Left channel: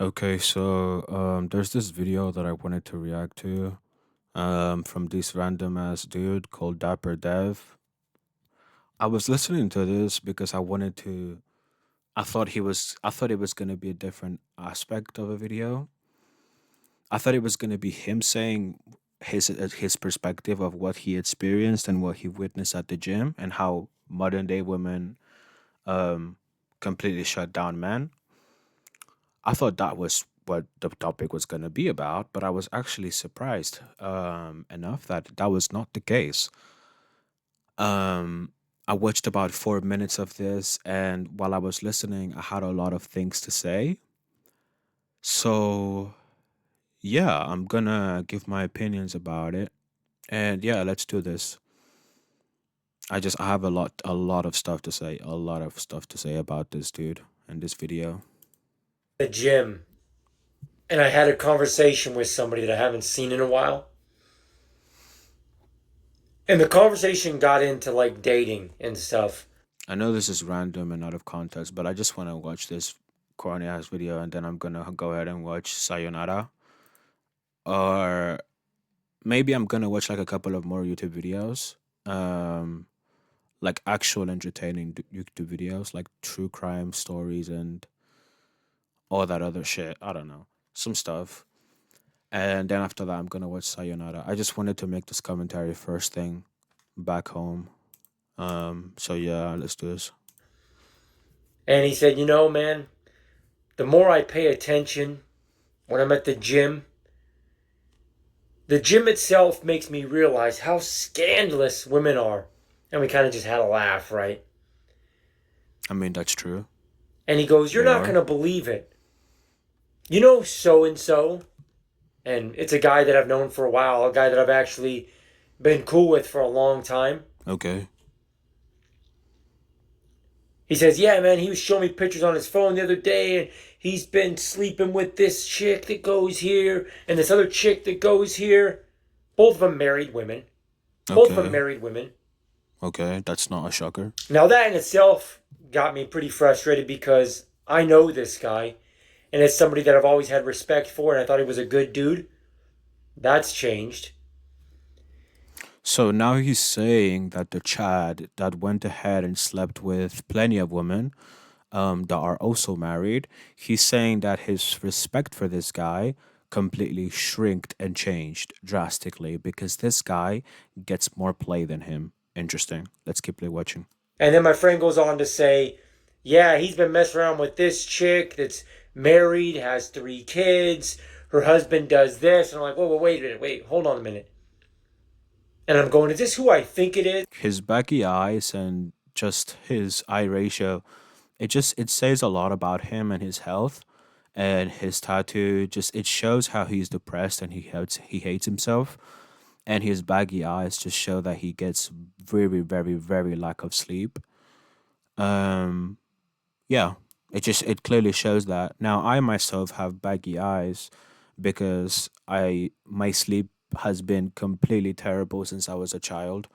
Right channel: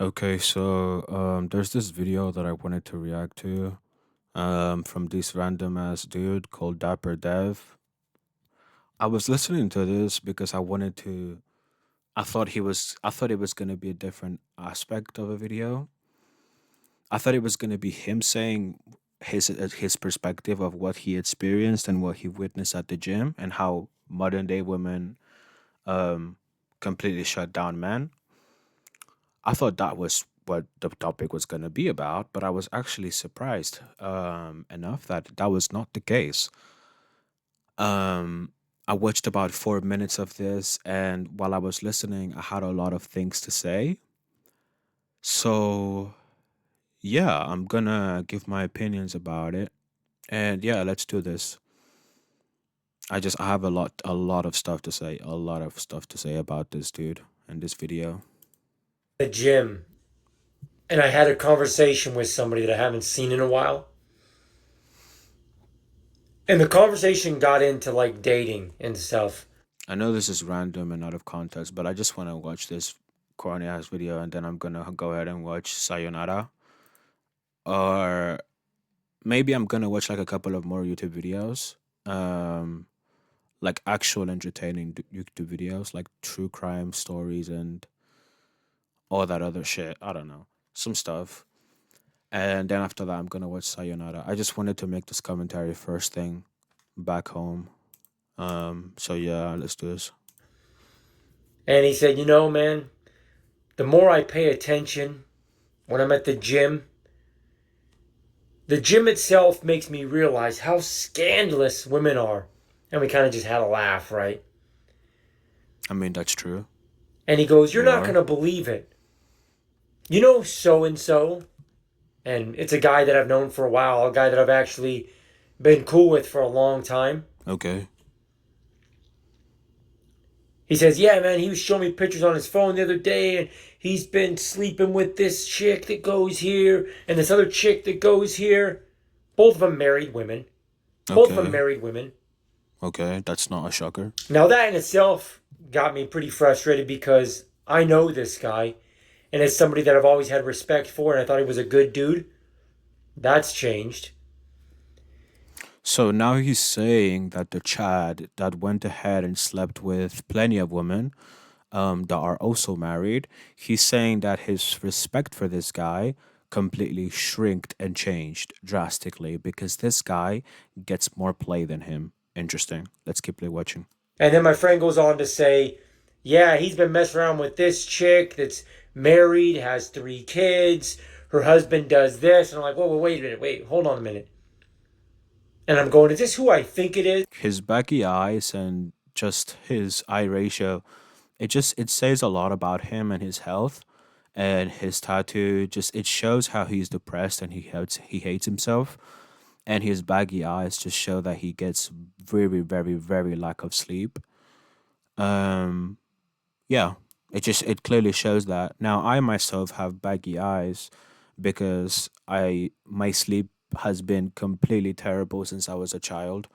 Okay, so there's this video that I wanted to react to from this random ass dude called Dapper Dev. I was listening to this because I thought it was gonna be a different aspect of a video. I thought it was gonna be him saying his perspective of what he experienced and what he witnessed at the gym and how modern day women um completely shut down men. I thought that was what the topic was going to be about, but I was actually surprised enough that that was not the case. Um, I watched about 4 minutes of this, and while I was listening, I had a lot of things to say. So, yeah, I'm gonna give my opinions about it. And yeah, let's do this. I have a lot of stuff to say, a lot of stuff to say about this dude and this video. The gym, and I had a conversation with somebody that I haven't seen in a while. And the conversation got into like dating and stuff. I know this is random and out of context, but I just want to watch this corny ass video and then I'm gonna go ahead and watch Sayonara. Or maybe I'm gonna watch like a couple of more YouTube videos. Um, like actual entertaining YouTube videos, like true crime stories and all that other shit. I don't know. Some stuff. And then after that I'm gonna watch Sayonara. I just wanted to make this commentary first thing back home. So yeah, let's do this. And he said, man, the more I pay attention when I'm at the gym itself makes me realize how scandalous women are. And we kind of just had a laugh, right? I mean that's true. And he goes, "You're They not going are. to believe it. You know so and so?" And it's a guy that I've known for a while, a guy that I've actually been cool with for a long time. Okay. He says, "Yeah, man, he was showing me pictures on his phone the other day, and he's been sleeping with this chick that goes here and this other chick that goes here. Both of them married women. Both of them Okay. married women." Okay, that's not a shocker. Now, that in itself got me pretty frustrated because I know this guy, and it's somebody that I've always had respect for, and I thought he was a good dude. That's changed. So now he's saying that the Chad that went ahead and slept with plenty of women that are also married, he's saying that his respect for this guy completely shrinked and changed drastically because this guy gets more play than him. Interesting. Let's keep watching. And then my friend goes on to say, "Yeah, he's been messing around with this chick that's married, has 3 kids. Her husband does this." And I'm like, "Whoa, whoa, wait a minute, wait, hold on a minute." And I'm going, "Is this who I think it is?" His baggy eyes and just his eye ratio, it says a lot about him and his health and his tattoo. Just it shows how he's depressed and he hates himself, and his baggy eyes just show that he gets very very lack of sleep. um yeah, it clearly shows that. Now I myself have baggy eyes because I my sleep has been completely terrible since I was a child.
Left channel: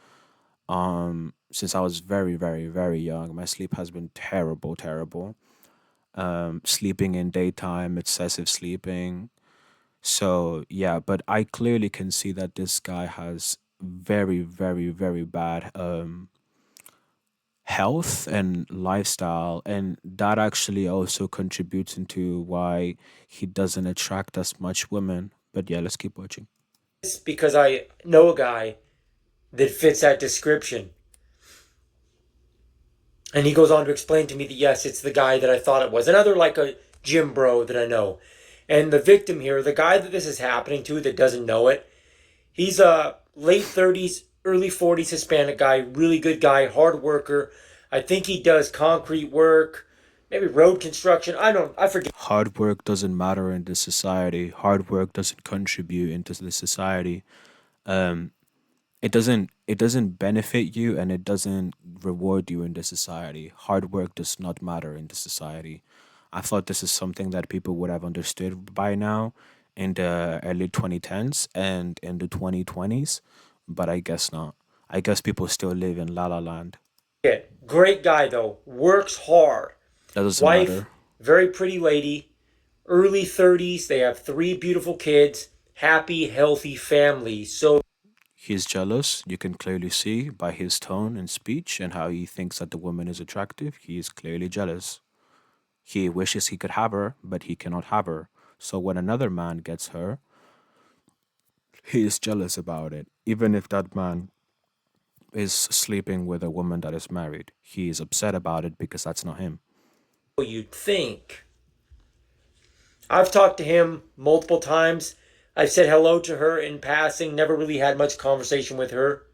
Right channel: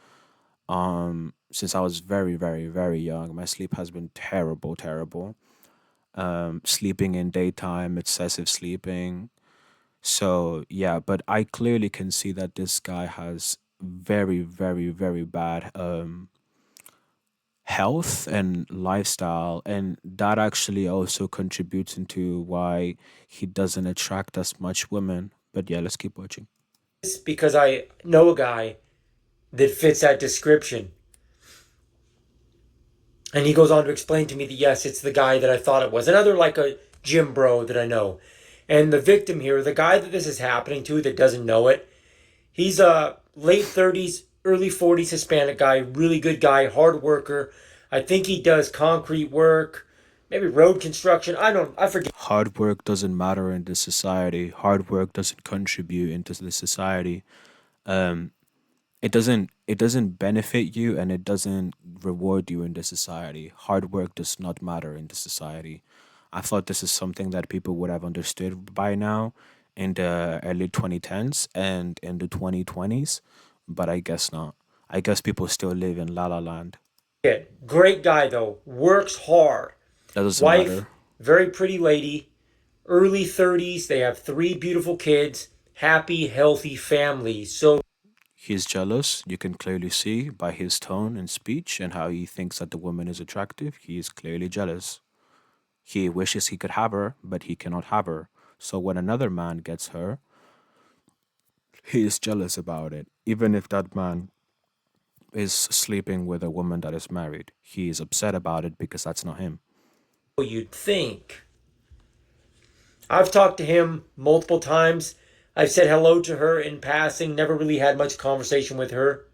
Since I was very young, my sleep has been terrible. Sleeping in daytime, excessive sleeping. So yeah, but I clearly can see that this guy has very bad health and lifestyle, and that actually also contributes into why he doesn't attract as much women. But yeah, let's keep watching. Because I know a guy that fits that description. And he goes on to explain to me that yes, it's the guy that I thought it was. Another like a gym bro that I know. And the victim here, the guy that this is happening to that doesn't know it, he's a late 30s, early 40s Hispanic guy, really good guy, hard worker. I think he does concrete work, maybe road construction. I forget. Hard work doesn't matter in this society. Hard work doesn't contribute into the society. um it doesn't benefit you and it doesn't reward you in the society. Hard work does not matter in the society. I thought this is something that people would have understood by now in the early 2010s and in the 2020s, but I guess not. I guess people still live in la la land. Great guy though, works hard. That doesn't Wife, matter. very pretty lady. early 30s. They have three beautiful kids, happy, healthy families. So He's jealous. You can clearly see by his tone and speech and how he thinks that the woman is attractive. He is clearly jealous. He wishes he could have her, but he cannot have her. So when another man gets her, he is jealous about it. Even if that man is sleeping with a woman that is married, he is upset about it because that's not him. you'd think. I've talked to him multiple times. I've said hello to her in passing, never really had much conversation with her.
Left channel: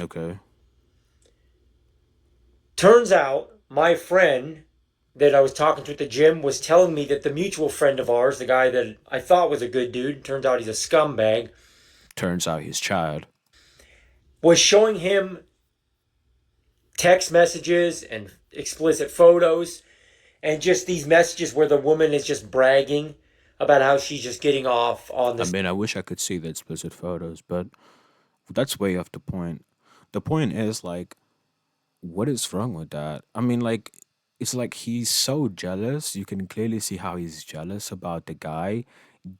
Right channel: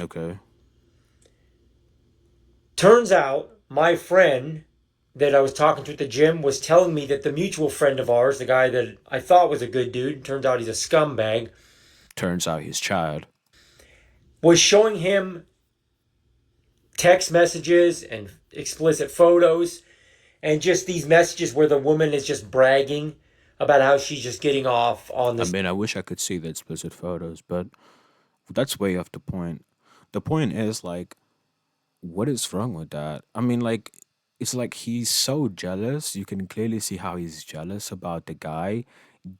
Okay. Turns out my friend that I was talking to at the gym was telling me that the mutual friend of ours, the guy that I thought was a good dude, turns out he's a scumbag, Turns out he's Chad. was showing him text messages and explicit photos and just these messages where the woman is just bragging about how she's just getting off on I this. mean, I wish I could see the explicit photos, but that's way off the point. The point is, like, what is wrong with that? I mean, like, it's like he's so jealous. You can clearly see how he's jealous about the guy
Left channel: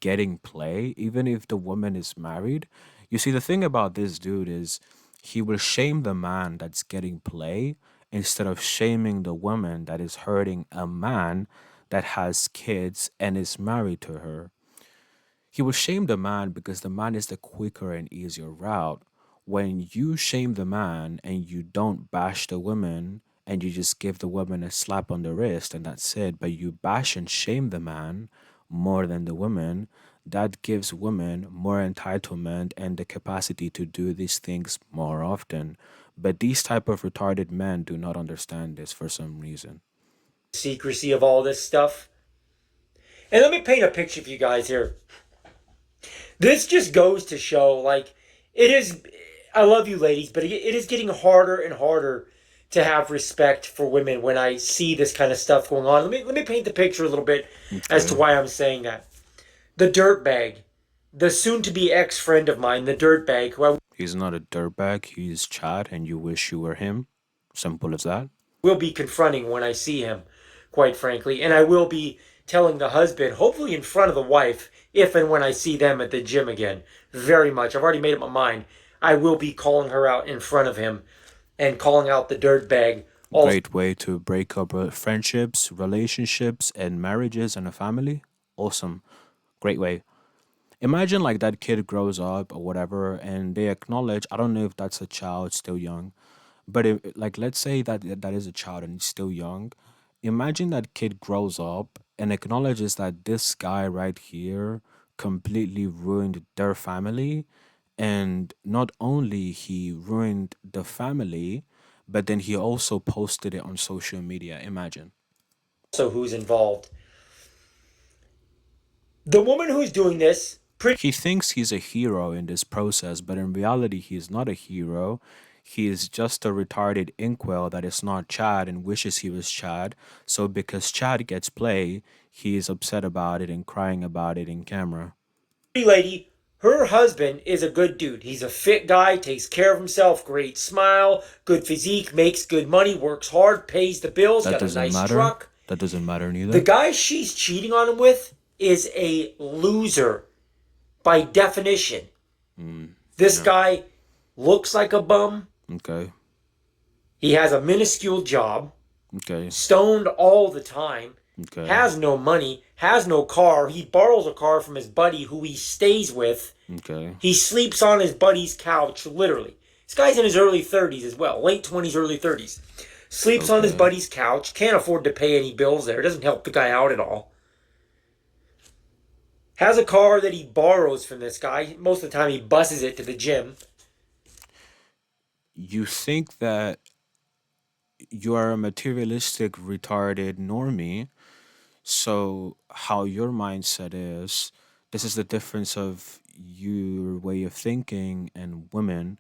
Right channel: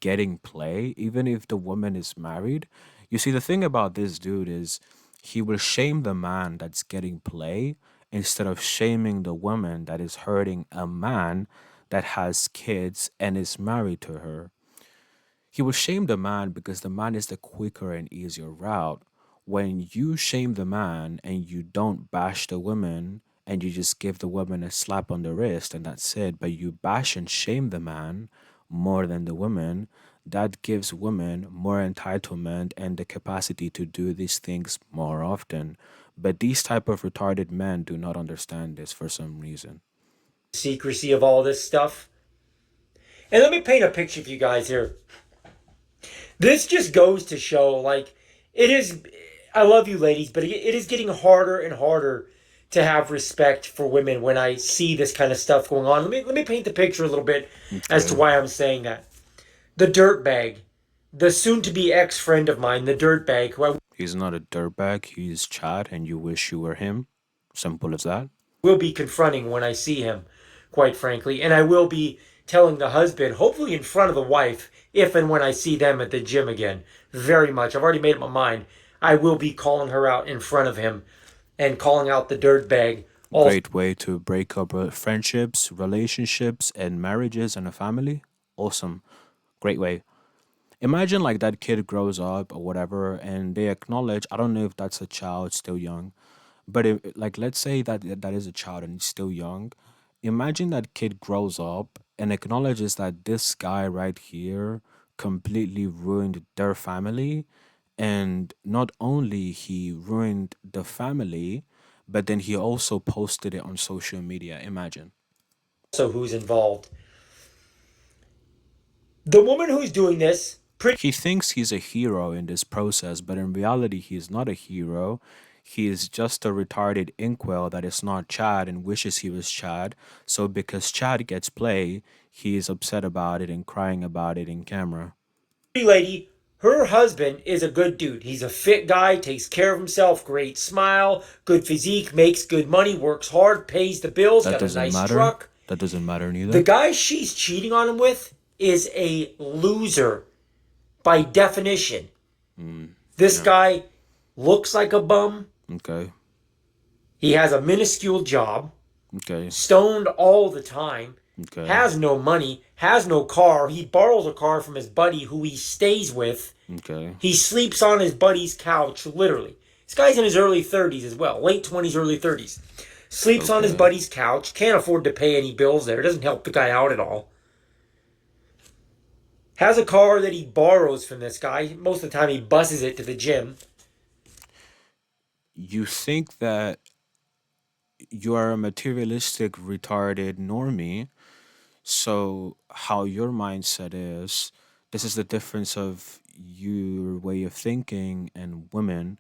getting play, even if the woman is married. You see, the thing about this dude is he will shame the man that's getting play instead of shaming the woman that is hurting a man that has kids and is married to her. He will shame the man because the man is the quicker and easier route. When you shame the man and you don't bash the woman and you just give the woman a slap on the wrist and that's it, but you bash and shame the man more than the woman, that gives women more entitlement and the capacity to do these things more often. But these type of retarded men do not understand this for some reason. Secrecy of all this stuff. And let me paint a picture for you guys here. This just goes to show, like, it is. I love you, ladies, but it is getting harder and harder to have respect for women when I see this kind of stuff going on. Let me paint the picture a little bit as to Okay. why I'm saying that. The dirtbag, the soon-to-be ex-friend of mine, the dirtbag, who I He's not a dirtbag, he's Chad and you wish you were him. Simple as that. will be confronting when I see him, quite frankly, and I will be telling the husband, hopefully in front of the wife, if and when I see them at the gym again. Very much. I've already made up my mind. I will be calling her out in front of him and calling out the dirtbag. Also, Great way to break up friendships, relationships, and marriages and a family. Awesome. Great way. Imagine like that kid grows up or whatever and they acknowledge, I don't know if that's a child still young, but if, like let's say that that is a child and he's still young. Imagine that kid grows up and acknowledges that this guy right here completely ruined their family, and not only he ruined the family, but then he also posted it on social media. Imagine. who's involved? The woman who's doing this, pretty He thinks he's a hero in this process, but in reality, he's not a hero. He is just a retarded inkwell that is not Chad and wishes he was Chad. So because Chad gets play, he is upset about it and crying about it in camera. lady, her husband is a good dude. He's a fit guy, takes care of himself, great smile, good physique, makes good money, works hard, pays the bills, That got a doesn't nice matter. truck. That doesn't matter The neither. guy she's cheating on him with is a loser by definition. Mm, This yeah. guy looks like a bum. Okay. He has a minuscule job, Okay. stoned all the time, Okay. has no money, has no car. He borrows a car from his buddy who he stays with. Okay. He sleeps on his buddy's couch, literally. This guy's in his early 30s as well, late 20s, early 30s. Sleeps on his Okay. buddy's couch, can't afford to pay any bills there, doesn't help the guy out at all. Has a car that he borrows from this guy. Most of the time, he buses it to the gym. You think that you are a materialistic, retarded normie. So, how your mindset is, this is the difference of your way of thinking and women.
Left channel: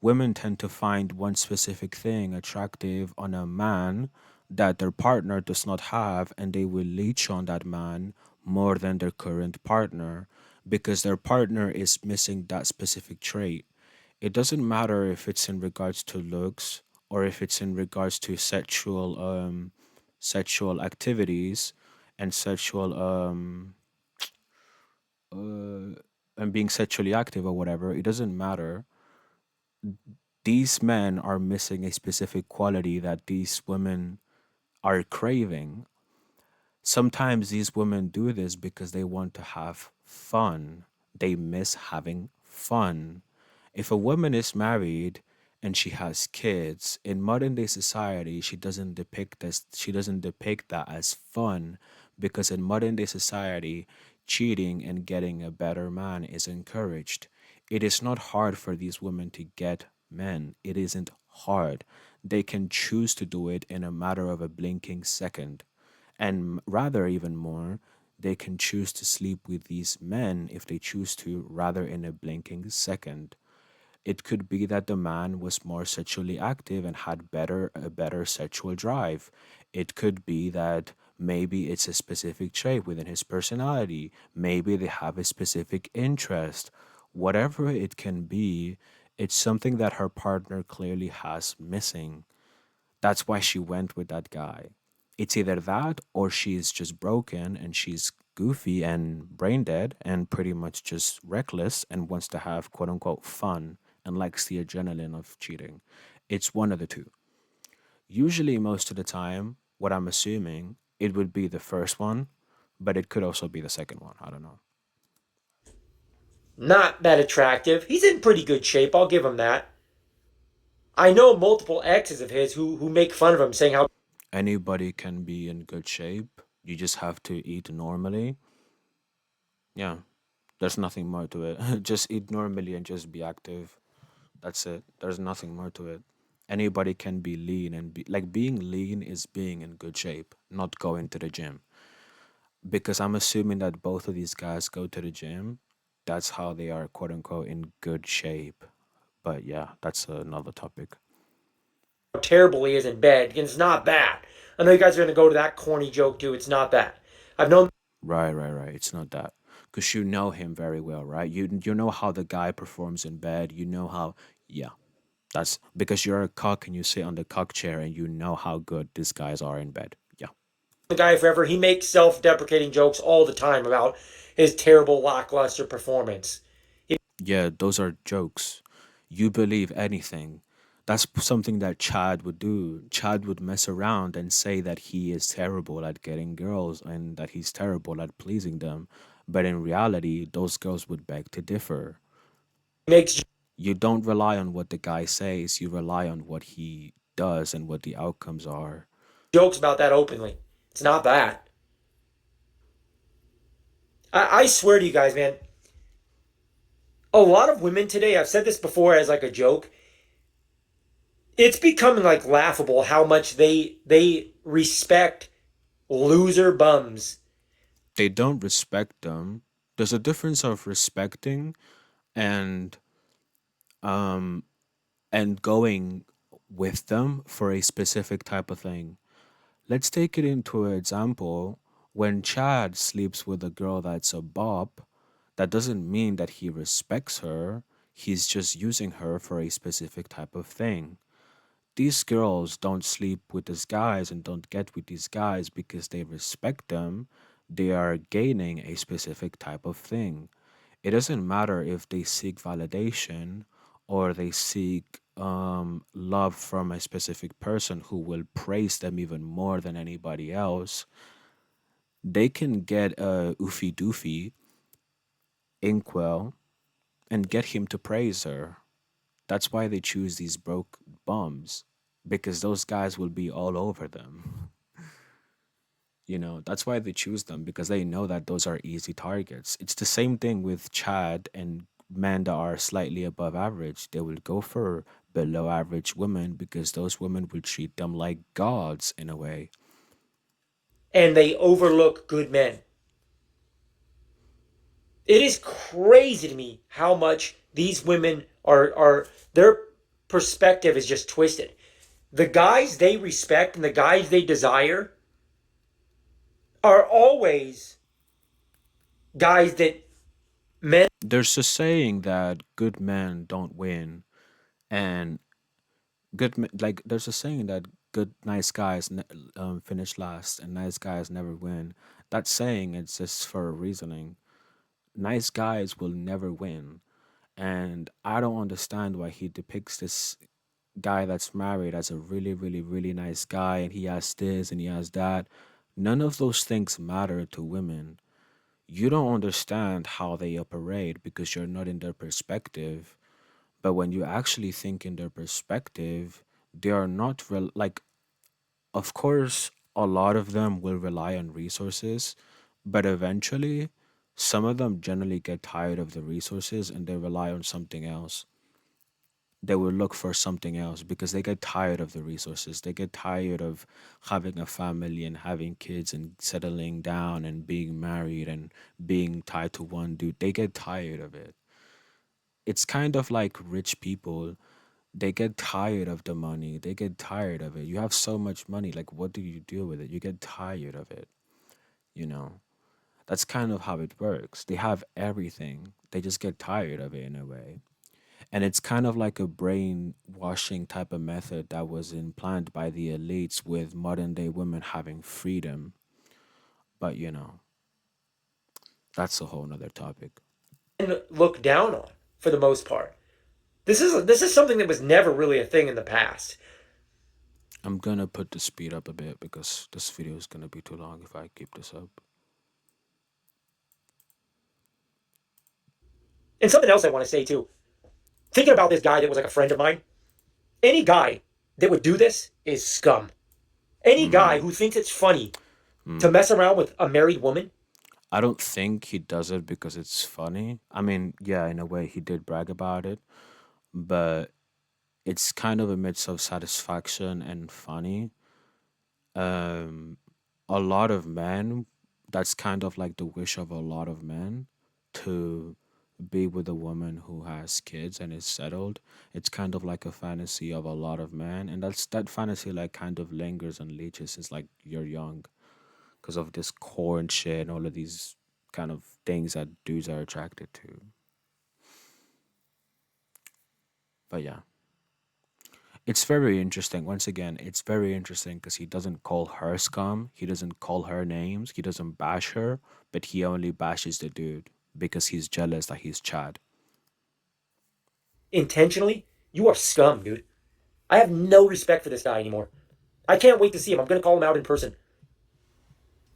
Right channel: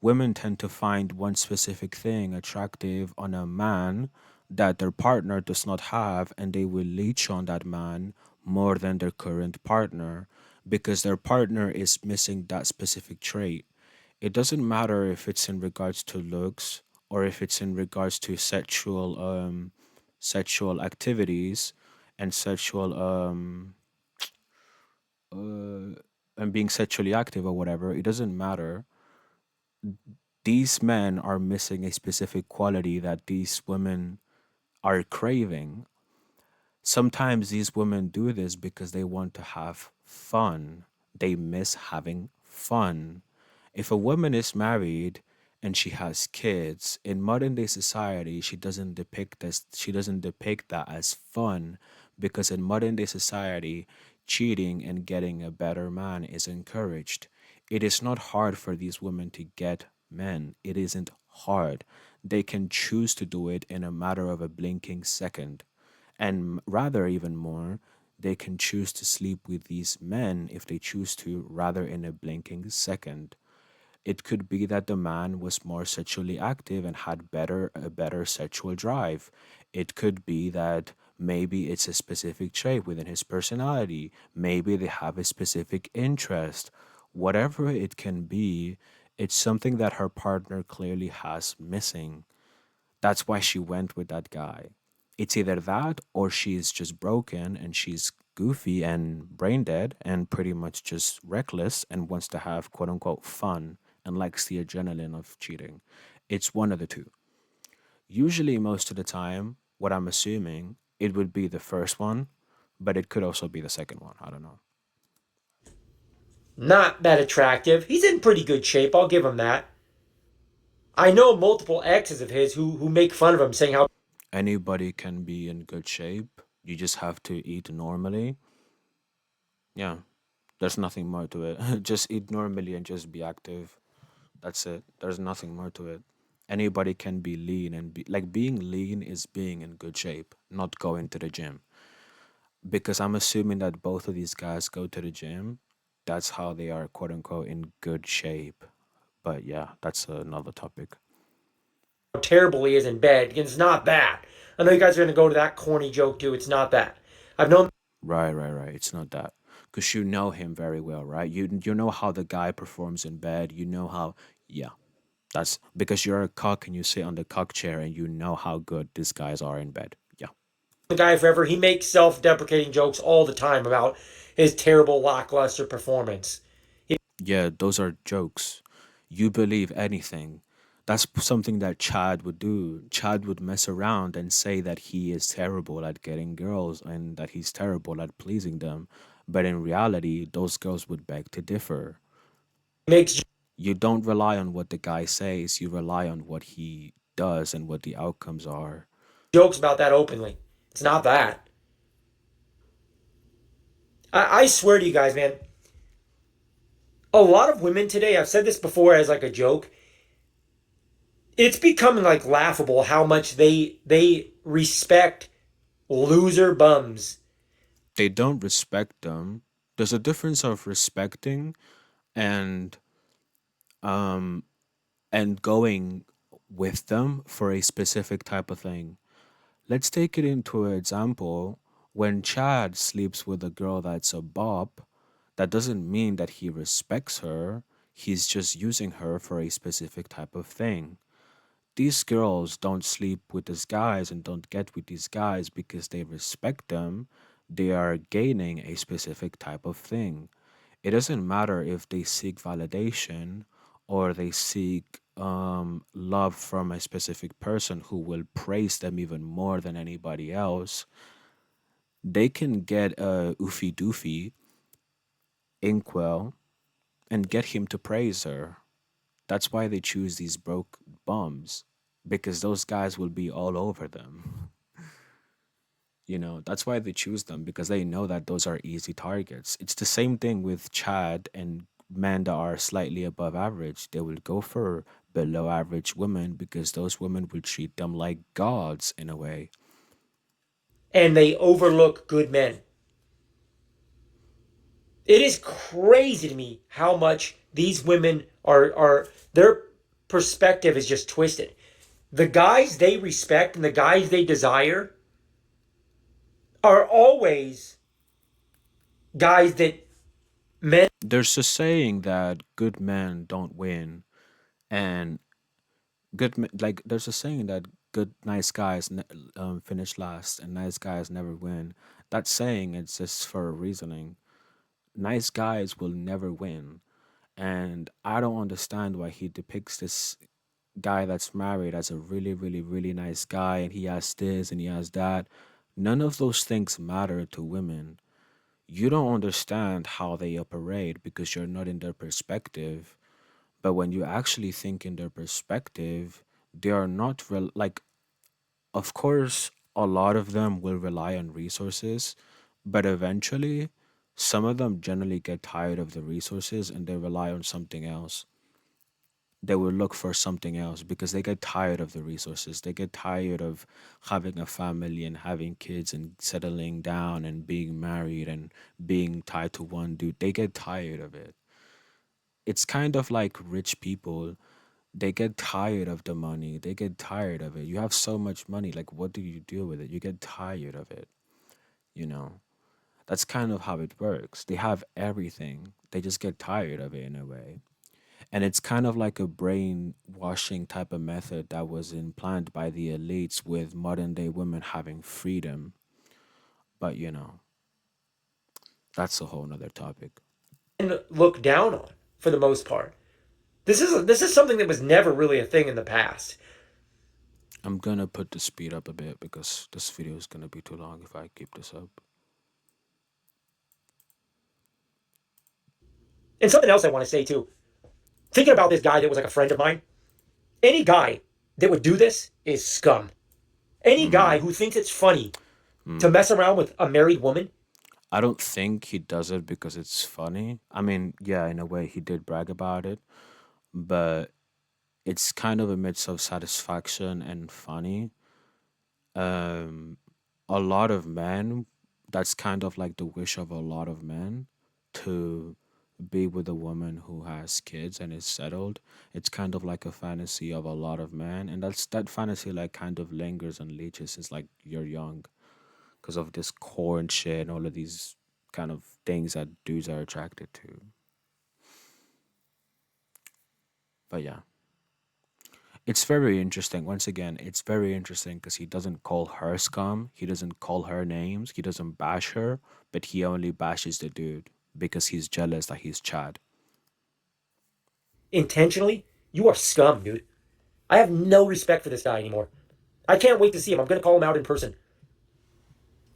Women tend to find one specific thing attractive on a man that their partner does not have, and they will leech on that man more than their current partner because their partner is missing that specific trait. It doesn't matter if it's in regards to looks or if it's in regards to sexual activities. and and being sexually active or whatever, it doesn't matter. These men are missing a specific quality that these women are craving. Sometimes these women do this because they want to have fun. They miss having fun. If a woman is married and she has kids, in modern day society, she doesn't depict that as fun, because in modern day society, cheating and getting a better man is encouraged. It is not hard for these women to get men. It isn't hard. They can choose to do it in a matter of a blinking second. And rather, even more, they can choose to sleep with these men if they choose to, rather in a blinking second. It could be that the man was more sexually active and had a better sexual drive. It could be that maybe it's a specific trait within his personality. Maybe they have a specific interest. Whatever it can be, it's something that her partner clearly has missing. That's why she went with that guy. It's either that or she's just broken and she's goofy and brain dead and pretty much just reckless and wants to have quote unquote fun and likes the adrenaline of cheating. It's one of the two. Usually, most of the time, what I'm assuming, it would be the first one, but it could also be the second one. I don't know. Not that attractive. He's in pretty good shape. I'll give him that. I know multiple exes of his who make fun of him, saying how Anybody can be in good shape. You just have to eat normally. Yeah, there's nothing more to it. Just eat normally and just be active. That's it. There's nothing more to it. Anybody can be lean and be like being lean is being in good shape, not going to the gym. Because I'm assuming that both of these guys go to the gym. That's how they are quote unquote in good shape. But yeah, that's another topic. terrible he is in bed. It's not that. I know you guys are gonna go to that corny joke too. It's not that. I've known Right, right, right. It's not that. Because you know him very well, right? You know how the guy performs in bed. You know how, yeah, that's because you're a cock and you sit on the cock chair and you know how good these guys are in bed. Yeah. the guy forever. He makes self-deprecating jokes all the time about his terrible lackluster performance. Yeah, those are jokes. You believe anything. That's something that Chad would do. Chad would mess around and say that he is terrible at getting girls and that he's terrible at pleasing them. But in reality, those girls would beg to differ. He makes You don't rely on what the guy says, you rely on what he does and what the outcomes are. jokes about that openly. It's not that. I swear to you guys, man. A lot of women today. I've said this before as like a joke. It's becoming like laughable how much they respect loser bums. They don't respect them. There's a difference of respecting and um going with them for a specific type of thing. Let's take it into an example. When Chad sleeps with a girl that's a bop, that doesn't mean that he respects her. He's just using her for a specific type of thing. These girls don't sleep with these guys and don't get with these guys because they respect them. They are gaining a specific type of thing. It doesn't matter if they seek validation or they seek love from a specific person who will praise them even more than anybody else. They can get a oofy doofy inkwel and get him to praise her. That's why they choose these broke bums, because those guys will be all over them. That's why they choose them, because they know that those are easy targets. It's the same thing with Chad and men that are slightly above average. They will go for below average women because those women will treat them like gods in a way. And they overlook good men. It is crazy to me how much these women are their perspective is just twisted. The guys they respect and the guys they desire are always guys that men There's a saying that good men don't win, and like there's a saying that good nice guys finish last and nice guys never win. That saying exists for a reasoning. Nice guys will never win. And I don't understand why he depicts this guy that's married as a really, really, really nice guy and he has this and he has that. None of those things matter to women. You don't understand how they operate because you're not in their perspective. But when you actually think in their perspective, they are not like, of course, a lot of them will rely on resources, but eventually, some of them generally get tired of the resources and they rely on something else. They will look for something else because they get tired of the resources. They get tired of having a family and having kids and settling down and being married and being tied to one dude. They get tired of it. It's kind of like rich people. They get tired of the money. They get tired of it. You have so much money. Like, what do you do with it? You get tired of it, you know? That's kind of how it works. They have everything. They just get tired of it in a way. And it's kind of like a brainwashing type of method that was implanted by the elites with modern day women having freedom. But, that's a whole nother topic. And look down on for the most part. This is something that was never really a thing in the past. I'm gonna put the speed up a bit because this video is gonna be too long if I keep this up. And something else I want to say too. Thinking about this guy that was like a friend of mine, any guy that would do this is scum. Any guy Mm-hmm. who thinks it's funny to Mm. mess around with a married woman, I don't think he does it because it's funny. I mean, yeah, in a way, he did brag about it, but it's kind of a mix of satisfaction and funny. Um, a lot of men, that's kind of like the wish of a lot of men to be with a woman who has kids and is settled. It's kind of like a fantasy of a lot of men, and that fantasy like kind of lingers and leeches since like you're young because of this core and shit and all of these kind of things that dudes are attracted to. But yeah, it's very interesting. Once again, it's very interesting because he doesn't call her scum. He doesn't call her names. He doesn't bash her, but he only bashes the dude because he's jealous that he's Chad. intentionally, you are scum, dude. I have no respect for this guy anymore. I can't wait to see him. I'm going to call him out in person.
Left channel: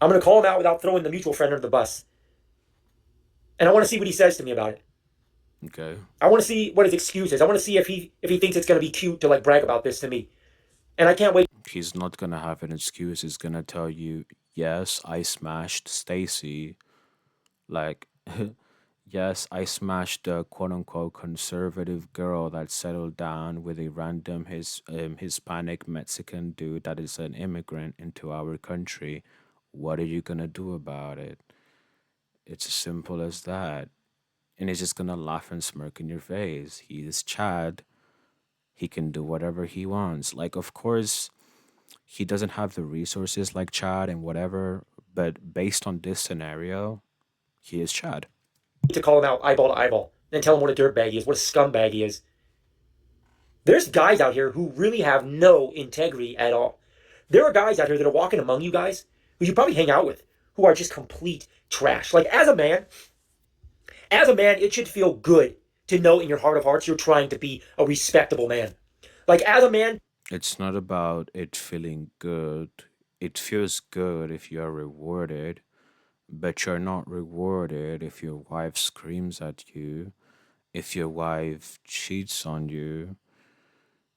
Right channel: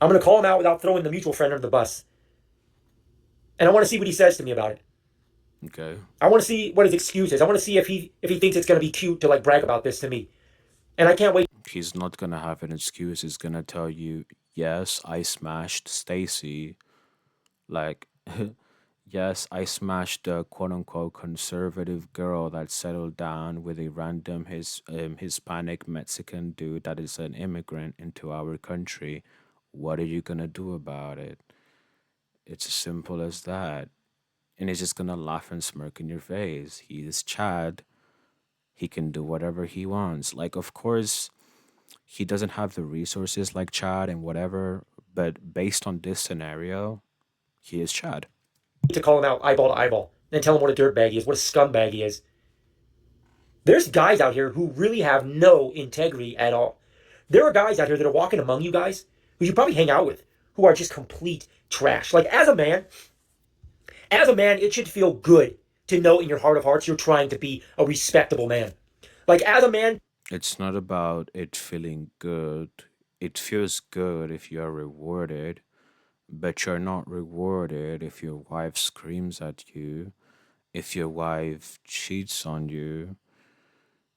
I'm going to call him out without throwing the mutual friend under the bus. And I want to see what he says to me about it. Okay. I want to see what his excuse is. I want to see if he thinks it's going to be cute to like brag about this to me. And I can't wait He's not gonna have an excuse. He's gonna tell you, yes, I smashed Stacy. Like, yes, I smashed the quote unquote conservative girl that settled down with a random Hispanic Mexican dude that is an immigrant into our country. What are you gonna do about it? It's as simple as that. And he's just gonna laugh and smirk in your face. He is Chad. He can do whatever he wants. Like, of course, he doesn't have the resources like Chad and whatever, but based on this scenario, he is Chad. to call him out eyeball to eyeball and tell him what a dirtbag he is, what a scumbag he is. There's guys out here who really have no integrity at all. There are guys out here that are walking among you guys who you probably hang out with who are just complete trash. Like as a man, it should feel good to know in your heart of hearts you're trying to be a respectable man. Like as a man, It's not about it feeling good. It feels good if you are rewarded, but you're not rewarded if your wife screams at you, if your wife cheats on you,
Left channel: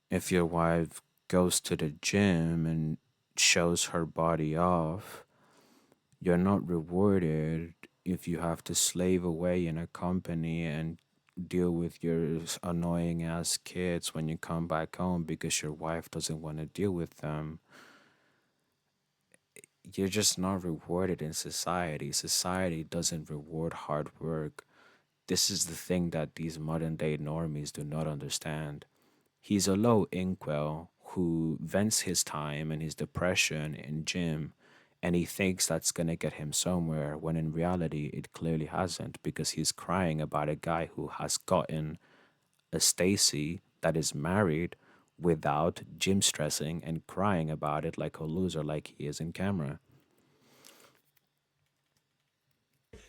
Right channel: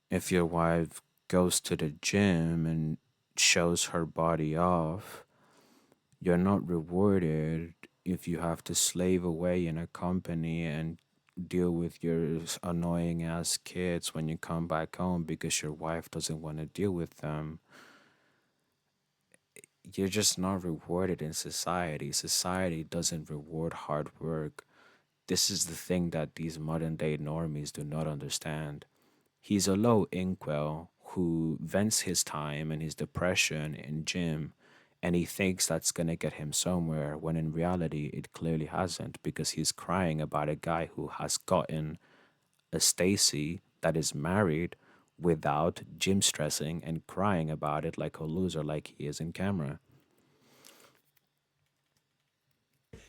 if your wife goes to the gym and shows her body off. You're not rewarded if you have to slave away in a company and deal with your annoying ass kids when you come back home because your wife doesn't want to deal with them. You're just not rewarded in society. Society doesn't reward hard work. This is the thing that these modern day normies do not understand. He's a low inkwell who vents his time and his depression in gym, and he thinks that's gonna get him somewhere when in reality it clearly hasn't because he's crying about a guy who has gotten a Stacy that is married without gym stressing and crying about it like a loser like he is in camera.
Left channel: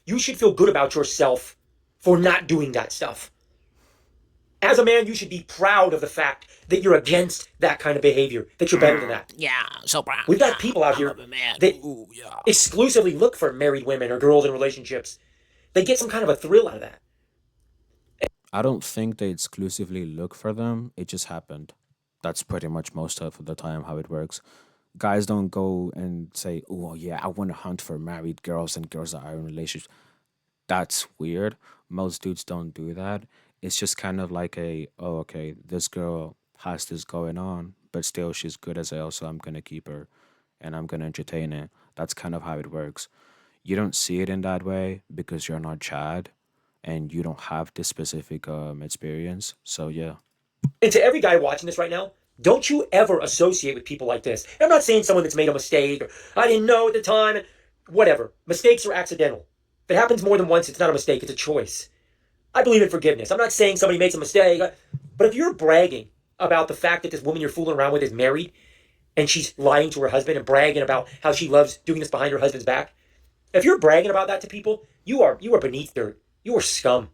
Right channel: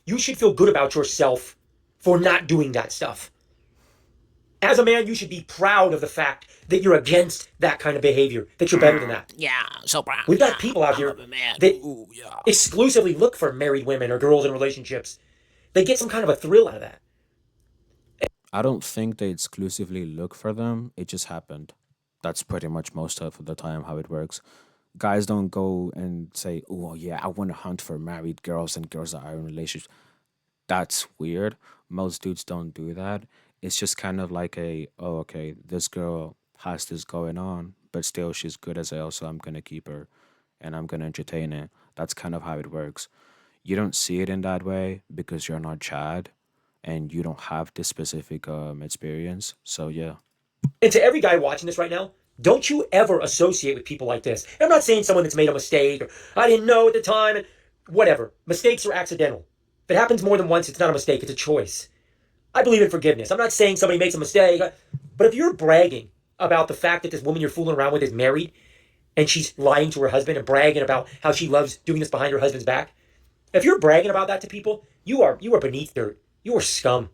you should feel good about yourself for not doing that stuff. As a man, you should be proud of the fact that you're against that kind of behavior, that you're better than that. Yeah, so brown. We've got Yeah, people out I'm here a man. that Ooh, yeah. exclusively look for married women or girls in relationships. They get some kind of a thrill out of that. I don't think they exclusively look for them. It just happened. That's pretty much most of the time how it works. Guys don't go and say, "Oh yeah, I want to hunt for married girls and girls that are in relationships." That's weird. Most dudes don't do that. It's just kind of like a, "Oh okay, this girl has this going on, but still she's good as hell, so I'm gonna keep her, and I'm gonna entertain it." That's kind of how it works. You don't see it in that way because you're not Chad and you don't have this specific experience. So yeah. And to every guy watching this right now, don't you ever associate with people like this. And I'm not saying someone that's made a mistake or I didn't know at the time. Whatever. Mistakes are accidental. If it happens more than once, it's not a mistake, it's a choice. I believe in forgiveness. I'm not saying somebody makes a mistake, but if you're bragging about the fact that this woman you're fooling around with is married and she's lying to her husband and bragging about how she loves doing this behind her husband's back, if you're bragging about that to people, you are beneath dirt. You are scum.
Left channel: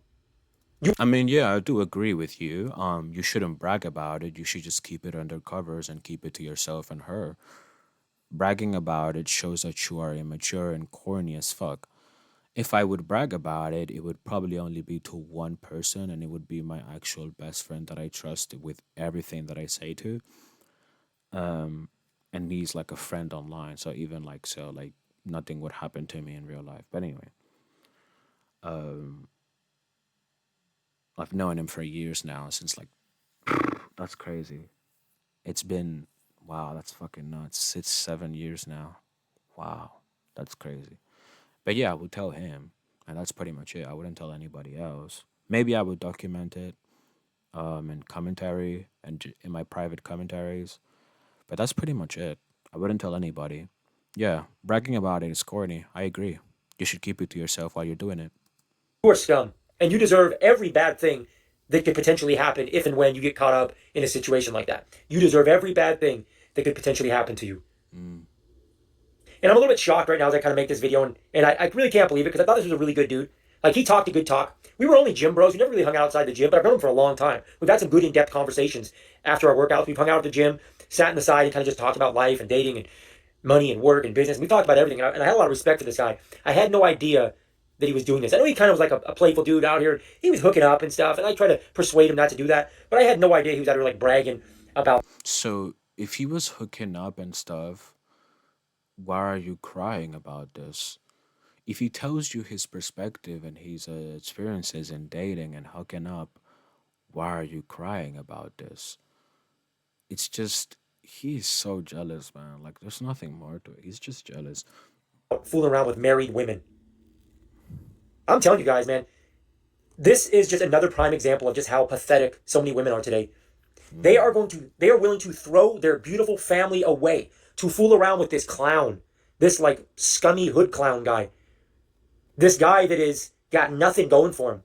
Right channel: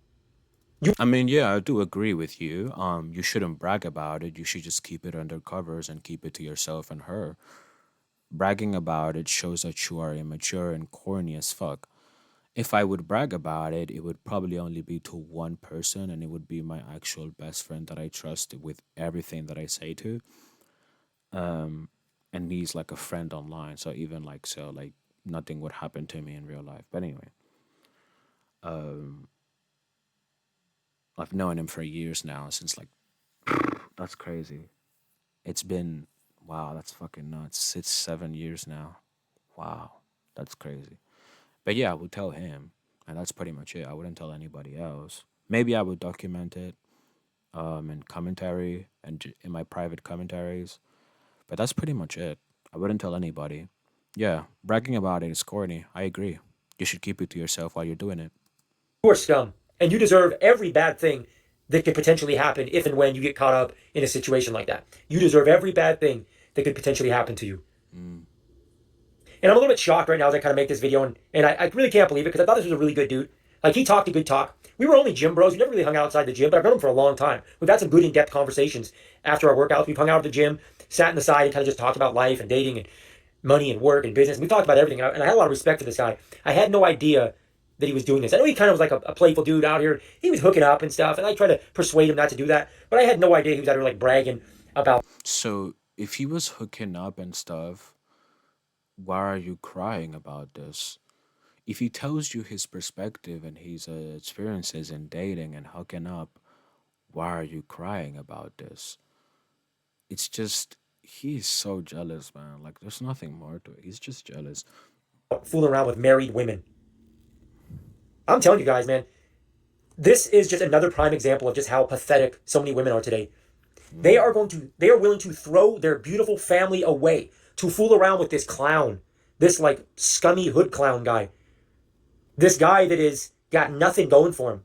I mean, yeah, I do agree with you. You shouldn't brag about it. You should just keep it under covers and keep it to yourself and her. Bragging about it shows that you are immature and corny as fuck. If I would brag about it, it would probably only be to one person, and it would be my actual best friend that I trust with everything that I say to. And he's like a friend online, so even like so, like nothing would happen to me in real life. But anyway, I've known him for years now, since like that's crazy. It's been wow, that's fucking nuts. It's 7 years now. Wow, that's crazy. But yeah, I would tell him, and that's pretty much it. I wouldn't tell anybody else. Maybe I would document it in commentary and in my private commentaries, but that's pretty much it. I wouldn't tell anybody. Yeah, bragging about it is corny. I agree. You should keep it to yourself while you're doing it. You are scum. And you deserve every bad thing that could potentially happen if and when you get caught up in a situation like that. You deserve every bad thing that could potentially happen to you. Mm. And I'm a little bit shocked right now as I kind of make this video, and I really can't believe it because I thought this was a really good dude. Like, he talked a good talk. We were only gym bros. We never really hung out outside the gym, but I've known him for a long time. We've had some good in-depth conversations after our workouts. We've hung out at the gym, sat in the side, and kind of just talked about life and dating and money and work and business. We talked about everything, and I had a lot of respect for this guy. I had no idea that he was doing this. I know he kind of was like a playful dude out here. He was hooking up and stuff, and I tried to persuade him not to do that. But I had no idea he was out here like bragging about. So if he was hooking up and stuff, why are you crying about this? If he tells you his perspective and his experiences in dating and hooking up, why are you crying about this? It's just he's so jealous, man. Like there's nothing more to it. He's just jealous. Fooling around with married women. I'm telling you guys, man, this is just another prime example of just how pathetic so many women are today. Mm. They are willing to throw their beautiful family away to fool around with this clown, this like scummy hood clown guy, this guy that is got nothing going for him,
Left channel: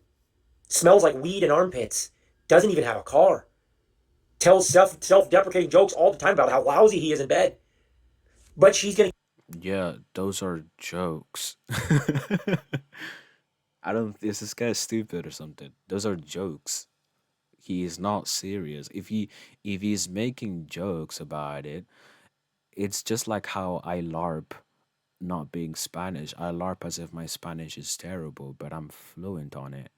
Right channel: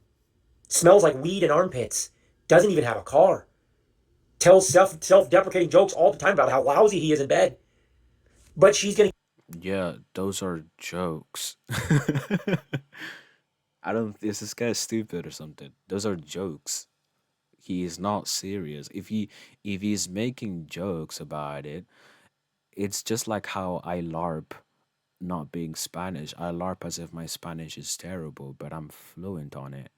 smells like weed and armpits, doesn't even have a car, tells self deprecating jokes all the time about how lousy he is in bed. But she's gonna Yeah, those are jokes. I don't. Is this guy stupid or something? Those are jokes. He is not serious. If he's making jokes about it, it's just like how I LARP not being Spanish. I LARP as if my Spanish is terrible, but I'm fluent on it.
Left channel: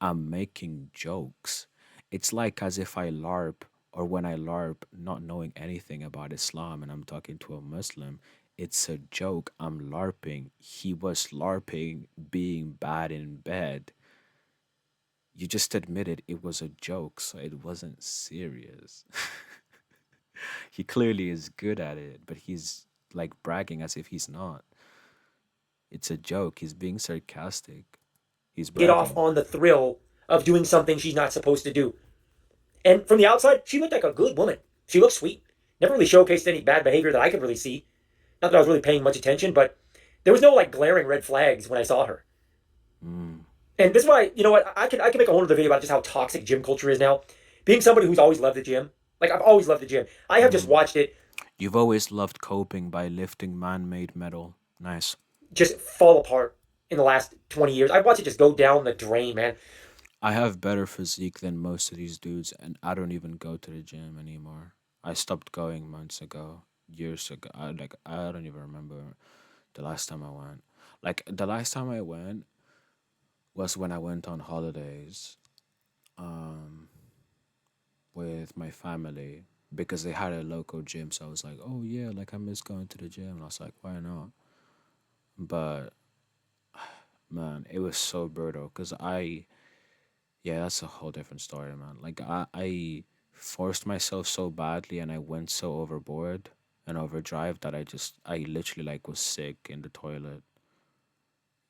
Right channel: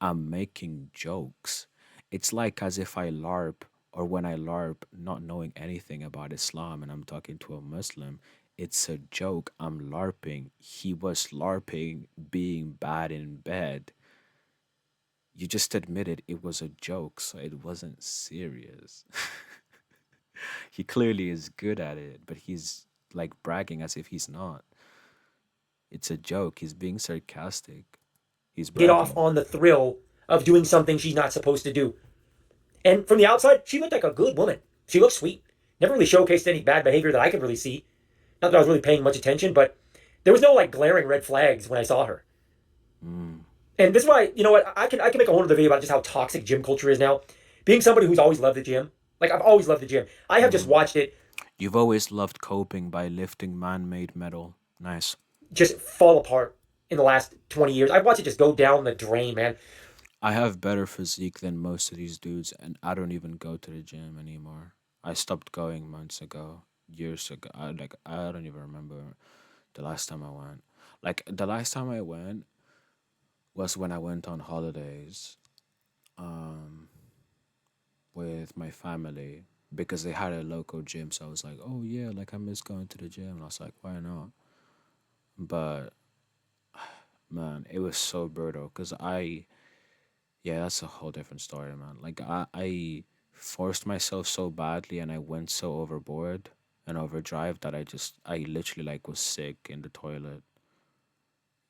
I'm making jokes. It's like as if I LARP or when I LARP not knowing anything about Islam and I'm talking to a Muslim. It's a joke. I'm LARPing. He was LARPing being bad in bed. You just admitted it was a joke, so it wasn't serious. He clearly is good at it, but he's like bragging as if he's not. It's a joke. He's being sarcastic. He's get off bragging. on the thrill of doing something she's not supposed to do. And from the outside, she looked like a good woman. She looked sweet. Never really showcased any bad behavior that I could really see. Not that I was really paying much attention, but there was no like glaring red flags when I saw her. Mm, And this is why, you know what, I can make a whole other video about just how toxic gym culture is now. Being somebody who's always loved the gym, like I've always loved the gym. I have just mm. watched it You've always loved coping by lifting man made metal. Nice. just fall apart. in the last 20 years. I've watched it just go down the drain, man. I have better physique than most of these dudes, and I don't even go to the gym anymore. I stopped going months ago, years ago. I don't even remember the last time I went. Like the last time I went was when I went on holidays um with my family because they had a local gym. So I was like, oh yeah, like I miss going to the gym. And I was like, why not? But man, it was so brutal because yeah, that's a whole different story, man. Like I forced myself so badly and I went so overboard and overdrive that I literally like was sick in the toilet.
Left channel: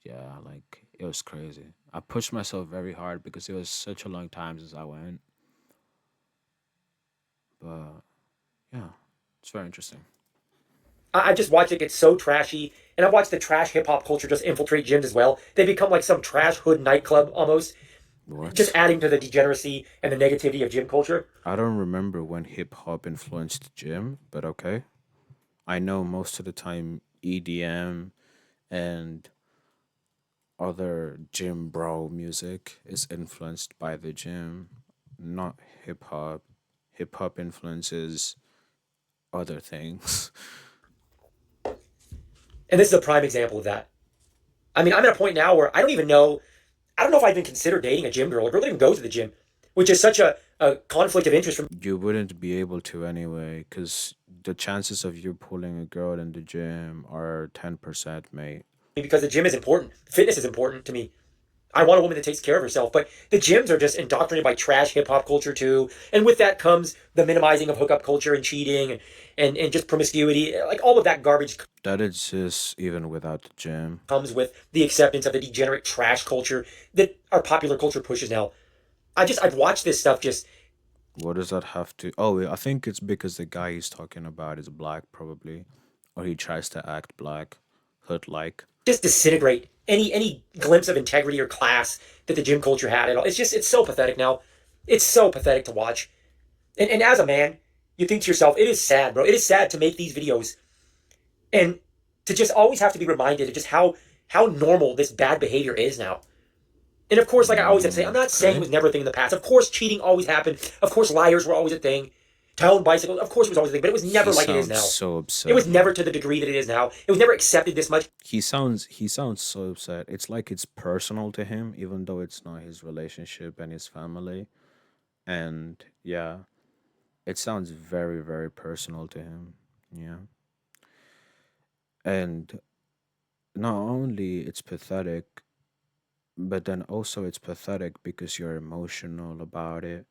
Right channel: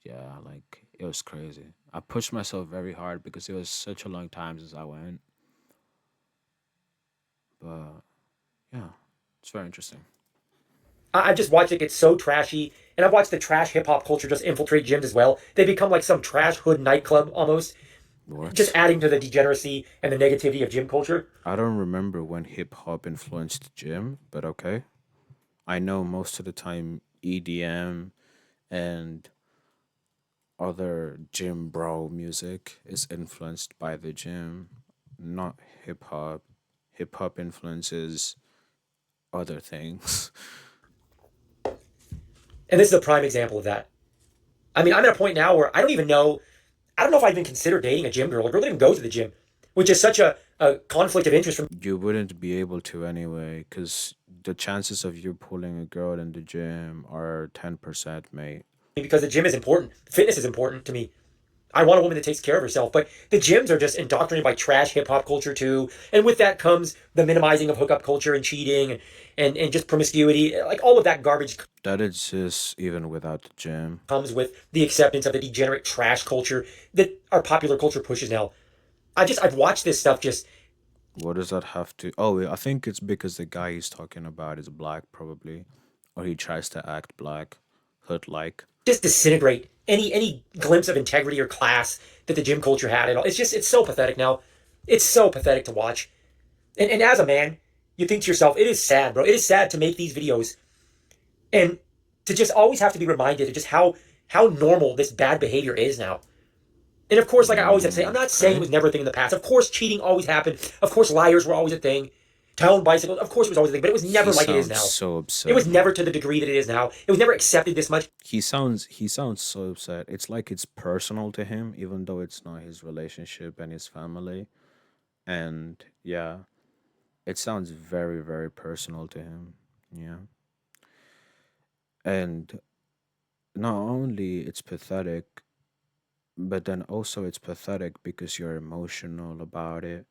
Yeah, like it was crazy. I pushed myself very hard because it was such a long time since I went. But yeah, it's very interesting. I've just watched it get so trashy, and I've watched the trash hip hop culture just infiltrate gyms as well. They become like some trash hood nightclub almost, just What? adding to the degeneracy and the negativity of gym culture. I don't remember when hip hop influenced gym, but okay. I know most of the time EDM and other gym bro music is influenced by the gym, not hip hop. Hip hop influences other things. And this is a prime example of that. I mean, I'm at a point now where I don't even know. I don't know if I even consider dating a gym girl, a girl that even goes to the gym, which is such a conflict of interest for You wouldn't be able to anyway, because the chances of you pulling a girl in the gym are 10%, mate. me because the gym is important. Fitness is important to me. I want a woman that takes care of herself, but the gyms are just indoctrinated by trash hip hop culture too, and with that comes the minimizing of hookup culture and cheating and just promiscuity. Like all of that garbage That exists even without the gym. comes with the acceptance of the degenerate trash culture that our popular culture pushes now. I've watched this stuff just What does that have to? Oh, I think it's because the guy he's talking about is black, probably, or he tries to act black, hood like. disintegrate any glimpse of integrity or class that the gym culture had at all. It's so pathetic now. It's so pathetic to watch. And as a man, you think to yourself, it is sad, bro. It is sad to make these videos and to just always have to be reminded of just how normal this bad behavior is now. And of course, like I always have to say, I'm not saying it Okay. was never a thing in the past. Of course, cheating always happened. Of course, liars were always a thing. Town bicycles, of course, it was always a thing, but it was He never like it is sounds now. so It upset, was never man. to the degree that it is now. It was never accepted this much. He sounds so upset. It's like it's personal to him, even though it's not his relationship and his family. And yeah, it sounds very, very personal to him. Yeah. And not only it's pathetic, but then also it's pathetic because you're emotional about it.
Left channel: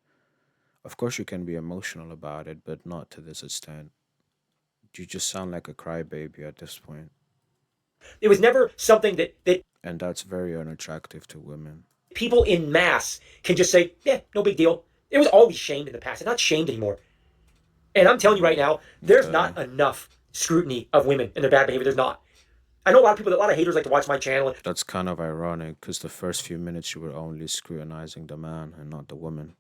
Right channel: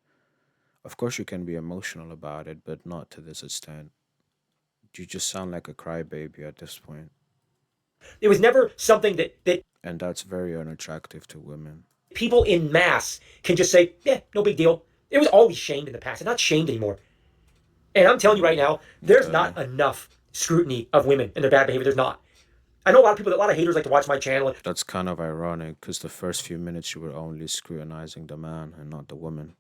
Of course, you can be emotional about it, but not to this extent. You just sound like a crybaby at this point, It was never something that and that's very unattractive to women. people in mass can just say, yeah, no big deal. It was always shamed in the past. It's not shamed anymore. And I'm telling you right Mm, now, there's okay. not enough scrutiny of women and their bad behavior. There's not. I know a lot of people, a lot of haters like to watch my channel. That's kind of ironic because the first few minutes you were only scrutinizing the man and not the woman.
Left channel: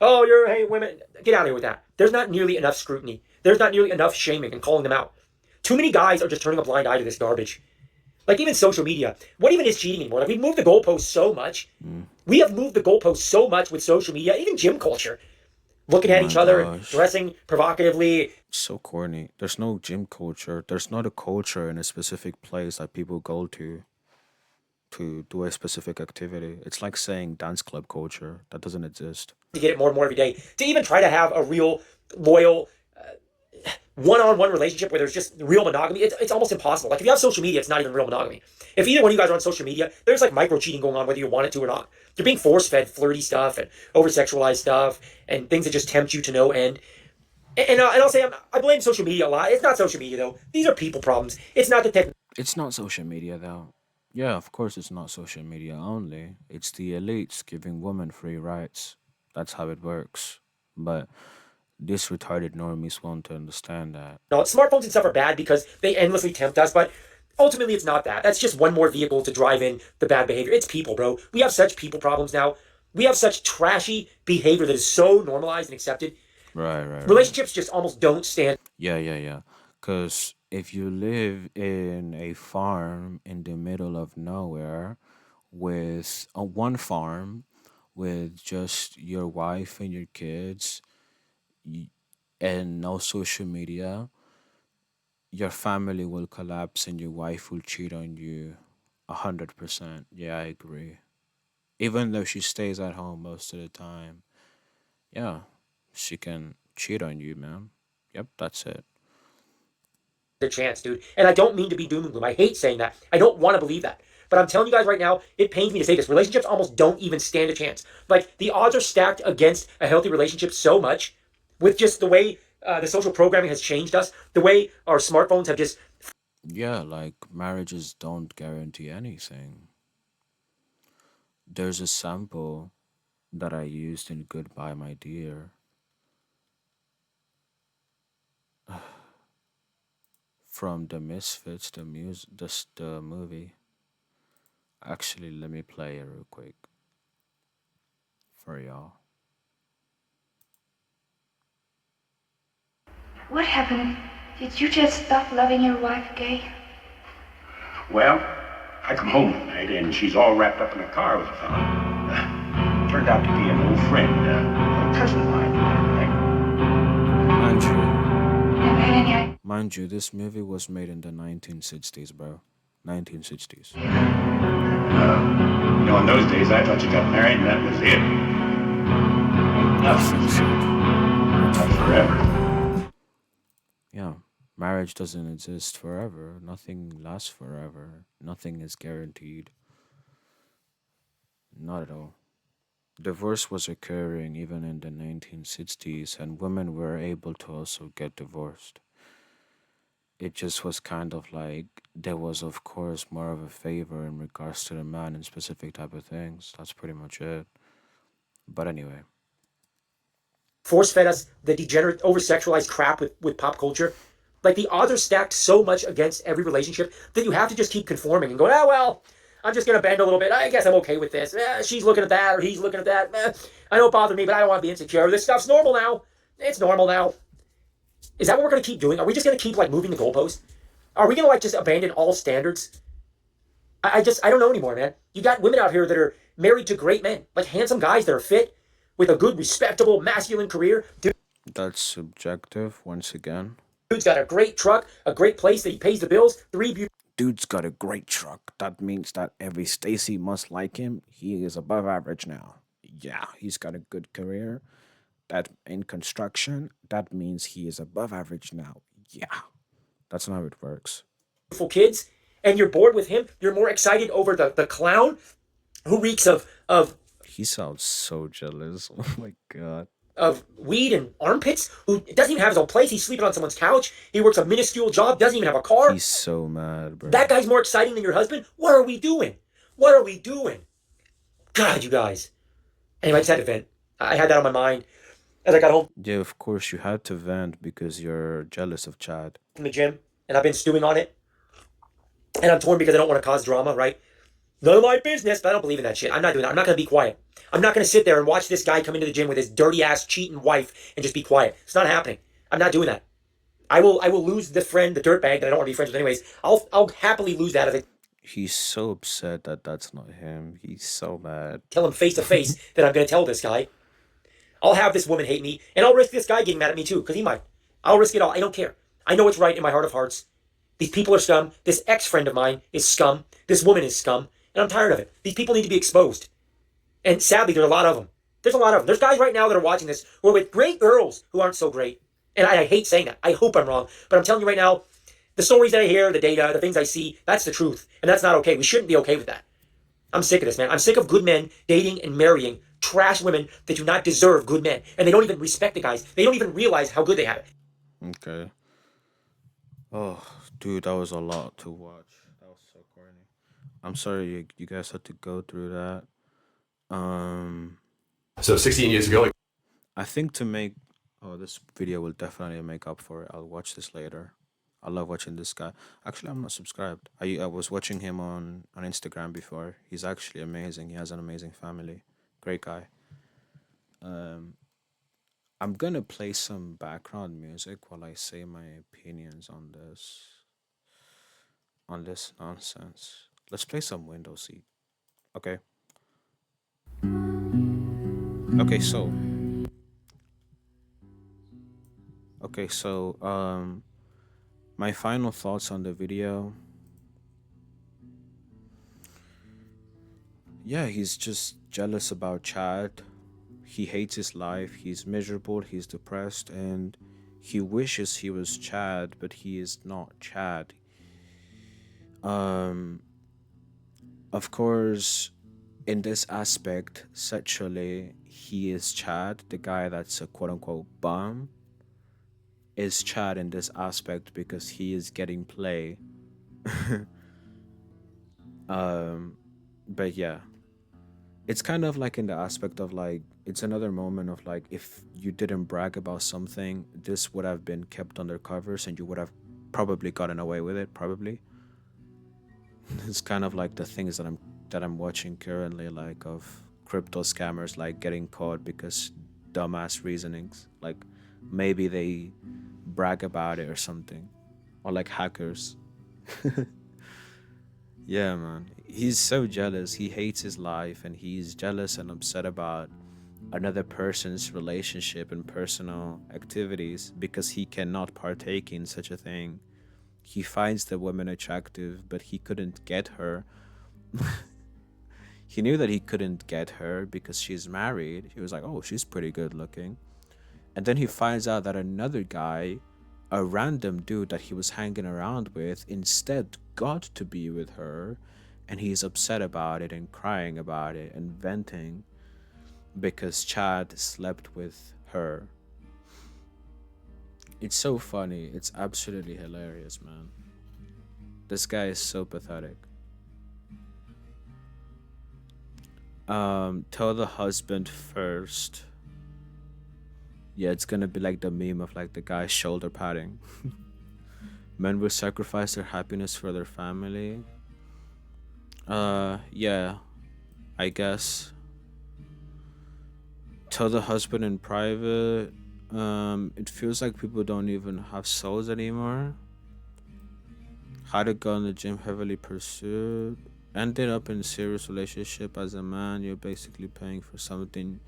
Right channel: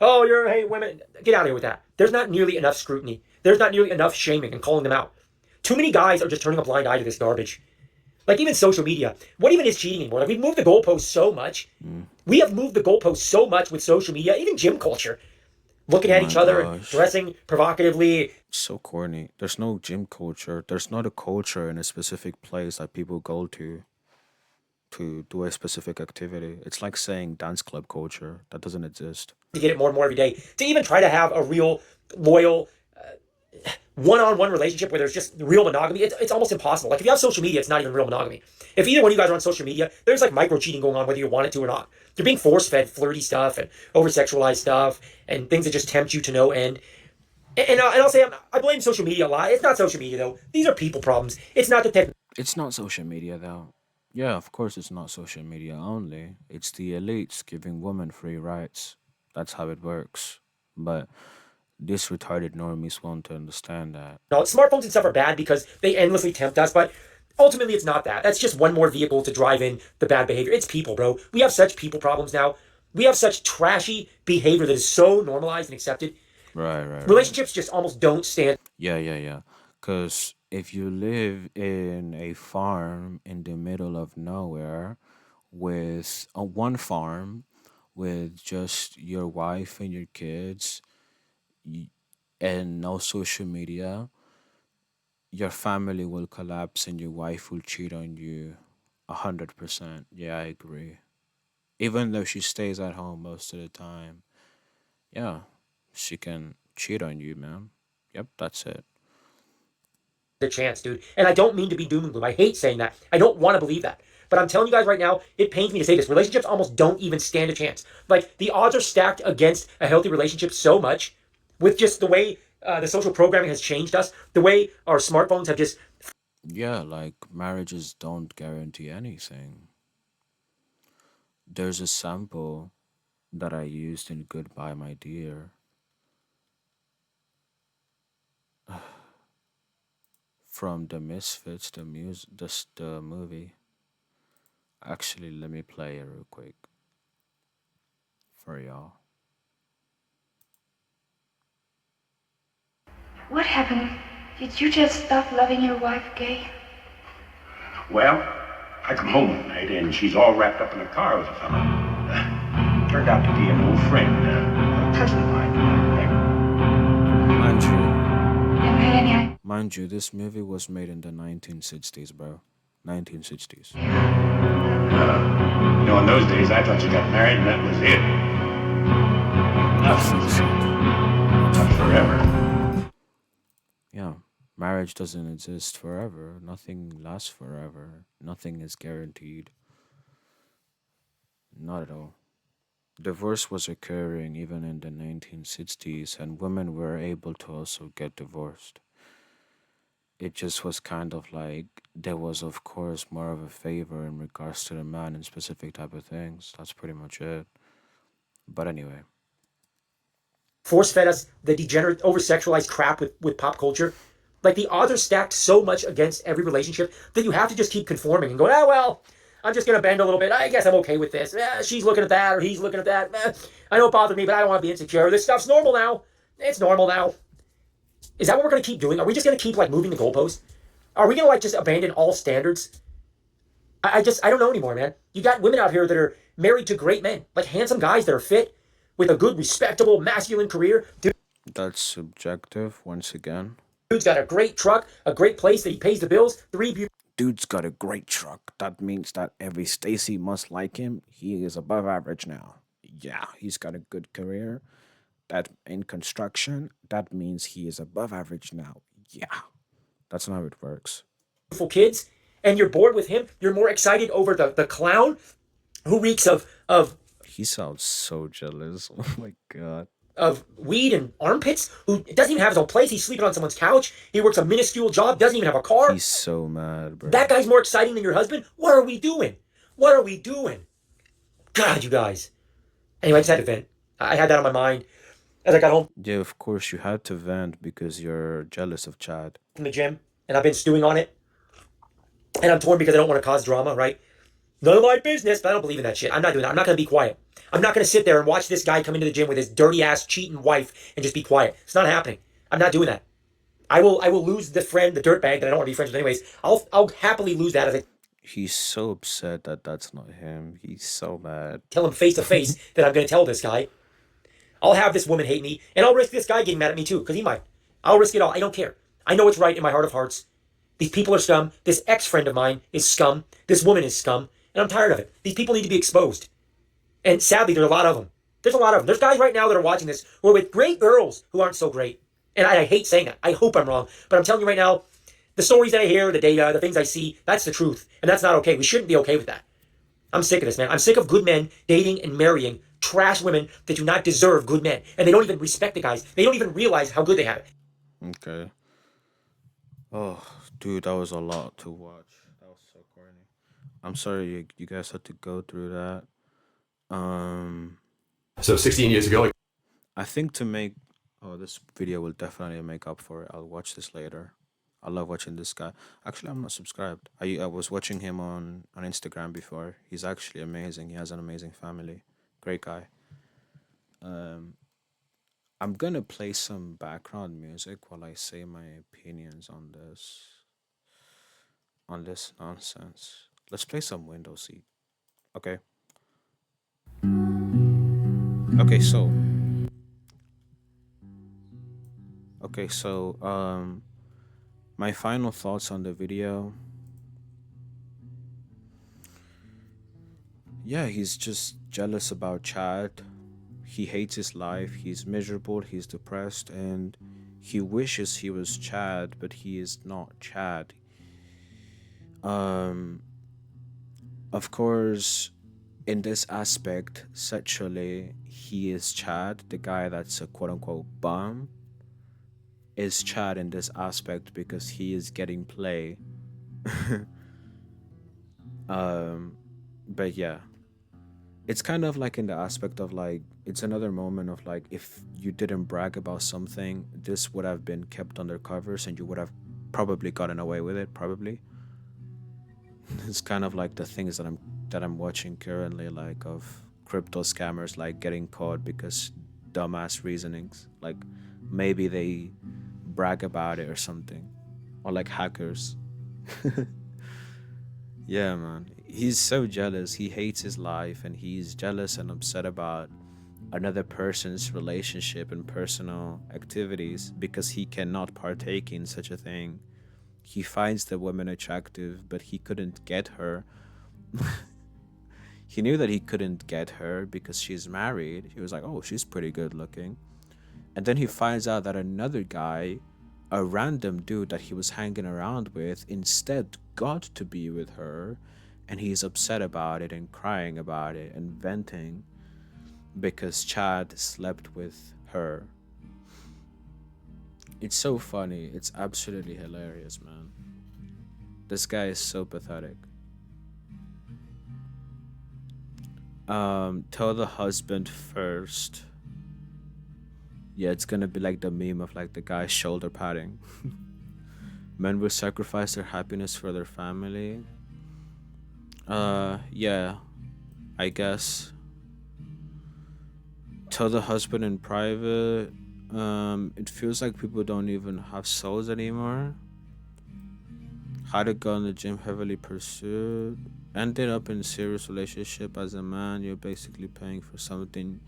Oh, you're hey women, get out of here with that. There's not nearly enough scrutiny. There's not nearly enough shaming and calling them out. Too many guys are just turning a blind eye to this garbage. Like even social media. What even is cheating anymore? Like we've moved the goalposts so much. Mm, We have moved the goalposts so much with social media, even gym culture. Looking at my each other and gosh. dressing provocatively. So corny. There's no gym culture. There's not a culture in a specific place that people go to do a specific activity. It's like saying dance club culture. That doesn't exist. To get it more and more every day. To even try to have a real loyal one-on-one relationship where there's just real monogamy, it's almost impossible. Like if you have social media, it's not even real monogamy. If either one of you guys are on social media, there's like micro cheating going on whether you want it to or not. You're being force-fed flirty stuff and over-sexualized stuff and things that just tempt you to no end. And I'll say I blame social media a lot. It's not social media though. These are people problems. It's not the technology. It's not social media though. Yeah, of course it's not social media only. It's the elites giving women free rights. That's how it works. But these retarded normies won't understand that. Smartphones and stuff are bad because they endlessly tempt us, but ultimately it's not that. That's just one more vehicle to drive in the bad behavior. It's people, bro. We have such people problems now. We have such trashy behavior that is so normalized and accepted. Right, right, right. Relationships just almost don't stand Yeah, yeah, yeah. Cause If you live in a farm in the middle of nowhere with a one farm with just your wife and your kids y- and no social media, your family will collapse and your wife will cheat on you 100%. Yeah, I agree. Even though she stays at home most of the time, yeah, she can cheat on you, man. Yep, that's it. The chance, dude. And I don't mean to be doom and gloom. I hate saying that. I don't want to believe that. But I'm telling you guys right now, it pains me to say this. Relationships almost don't even stand a chance. Like the odds are stacked against a healthy relationship so much with just the way the social programming has changed us, the way our smartphones have just Yeah, like marriages don't guarantee anything. There's a sample that I used in Goodbye, My Dear from The Misfits, the movie. Actually, let me play it real quick for y'all. What happened? Did you just stop loving your wife, Gay? Well, I come home one night and she's all wrapped up in a car with a fella. Turned out to be an old friend, a cousin of mine. Mind you, Never had any idea. mind you, this movie was made in the 1960s, bro. 1960s. In those days I thought you got married and that was it. Nothing said. Not Not forever. forever. Yeah, marriage doesn't exist forever. Nothing lasts forever. Nothing is guaranteed. Not at all. Divorce was occurring even in the 1960s, and women were able to also get divorced. It just was kind of like there was, of course, more of a favor in regards to the man and specific type of things. That's pretty much it. But anyway, force fed us the degenerate, over sexualized crap with pop culture. Like the odds are stacked so much against every relationship that you have to just keep conforming and going, well, I'm just going to bend a little bit. I guess I'm okay with this. She's looking at that or he's looking at that. I don't bother me, but I don't want to be insecure. This stuff's normal now. It's normal now. Is that what we're going to keep doing? Are we just going to keep like moving the goalposts? Are we going to like just abandon all standards? I don't know anymore, man. You got women out here that are married to great men, like handsome guys that are fit with a good, respectable, masculine career. that's subjective once again. Dude's got a great truck, a great place that he pays the bills, three beautiful Dude's got a great truck. That means that every Stacy must like him. He is above average now. Yeah, he's got a good career. That in construction, that means he is above average now. Yeah, that's not how it works. kids, and you're bored with him. You're more excited over the clown who reeks of He sounds so jealous. Oh my god. of weed and armpits, who doesn't even have his own place. He's sleeping on someone's couch. He works a minuscule job, doesn't even have a car. He's so mad, That bro. guy's more exciting than your husband. What are we doing? What are we doing? God, you guys. Anyway, I just had to vent. I had that on my mind as I got home Yeah, of course you had to vent because you're jealous of Chad. from the gym, and I've been stewing on it. And I'm torn because I don't want to cause drama, right? None of my business, but I don't believe in that shit. I'm not doing that. I'm not going to be quiet. I'm not going to sit there and watch this guy come into the gym with his dirty ass cheating wife and just be quiet. It's not happening. I'm not doing that. I will lose the friend, the dirtbag that I don't want to be friends with anyways. I'll happily lose that if I He's so upset that that's not him. He's so mad. tell him face to face that I'm going to tell this guy. I'll have this woman hate me, and I'll risk this guy getting mad at me too, because he might. I'll risk it all. I don't care. I know it's right in my heart of hearts. These people are scum. This ex friend of mine is scum. This woman is scum, and I'm tired of it. These people need to be exposed. And sadly, there's a lot of them. There's a lot of them. There's guys right now that are watching this who are with great girls who aren't so great. And I hate saying that. I hope I'm wrong. But I'm telling you right now, the stories that I hear, the data, the things I see, that's the truth. And that's not okay. We shouldn't be okay with that. I'm sick of this, man. I'm sick of good men dating and marrying trash women that do not deserve good men. And they don't even respect the guys. They don't even realize how good they have it. Okay. Oh, dude, that was a lot to watch. That was so corny. I'm sorry you guys had to go through that. Um, So 16 years ago, like, I think to make oh this video will definitely make up for it. I'll watch this later. I love watching this guy. Actually, I'm not subscribed. I was watching him on Instagram before. He's actually amazing. He has an amazing family. Great guy. Um, I'm gonna play some background music while I say my opinions on this. on this nonsense. Let's play some window seat. Okay. Okay, so okay, so my final thoughts on the video. Yeah, he's just jealous about Chad. He hates his life, he's miserable, he's depressed, and he wishes he was Chad, but he is not Chad. Um of course, in this aspect, sexually, he is Chad, the guy that's a quote unquote bum, is Chad in this aspect because he is getting play. um, but yeah, it's kind of like in the aspect of like, it's another moment of like, if you didn't brag about something, this would have been kept under covers and you would have probably gotten away with it, probably. It's kind of like the things that I'm watching currently, like of crypto scammers like getting caught because dumbass reasonings. Like maybe they brag about it or something. Or like hackers. Yeah, man. He's so jealous. He hates his life and he's jealous and upset about another person's relationship and personal activities because he cannot partake in such a thing. He finds the woman attractive, but he couldn't get her. He knew that he couldn't get her because she's married. He was like, oh, she's pretty good looking. And then he finds out that another guy, a random dude that he was hanging around with, instead got to be with her. And he's upset about it and crying about it and venting because Chad slept with her. It's so funny. It's absolutely hilarious, man. This guy is so pathetic. Tell the husband first. Yeah, it's gonna be like the meme of like the guy shoulder padding. Men will sacrifice their happiness for their family. Yeah, I guess. Tell the husband in private. It feels like people don't even have souls anymore. How to go in the gym heavily pursued. Ended up in serious relationship as a man. You're basically paying for something.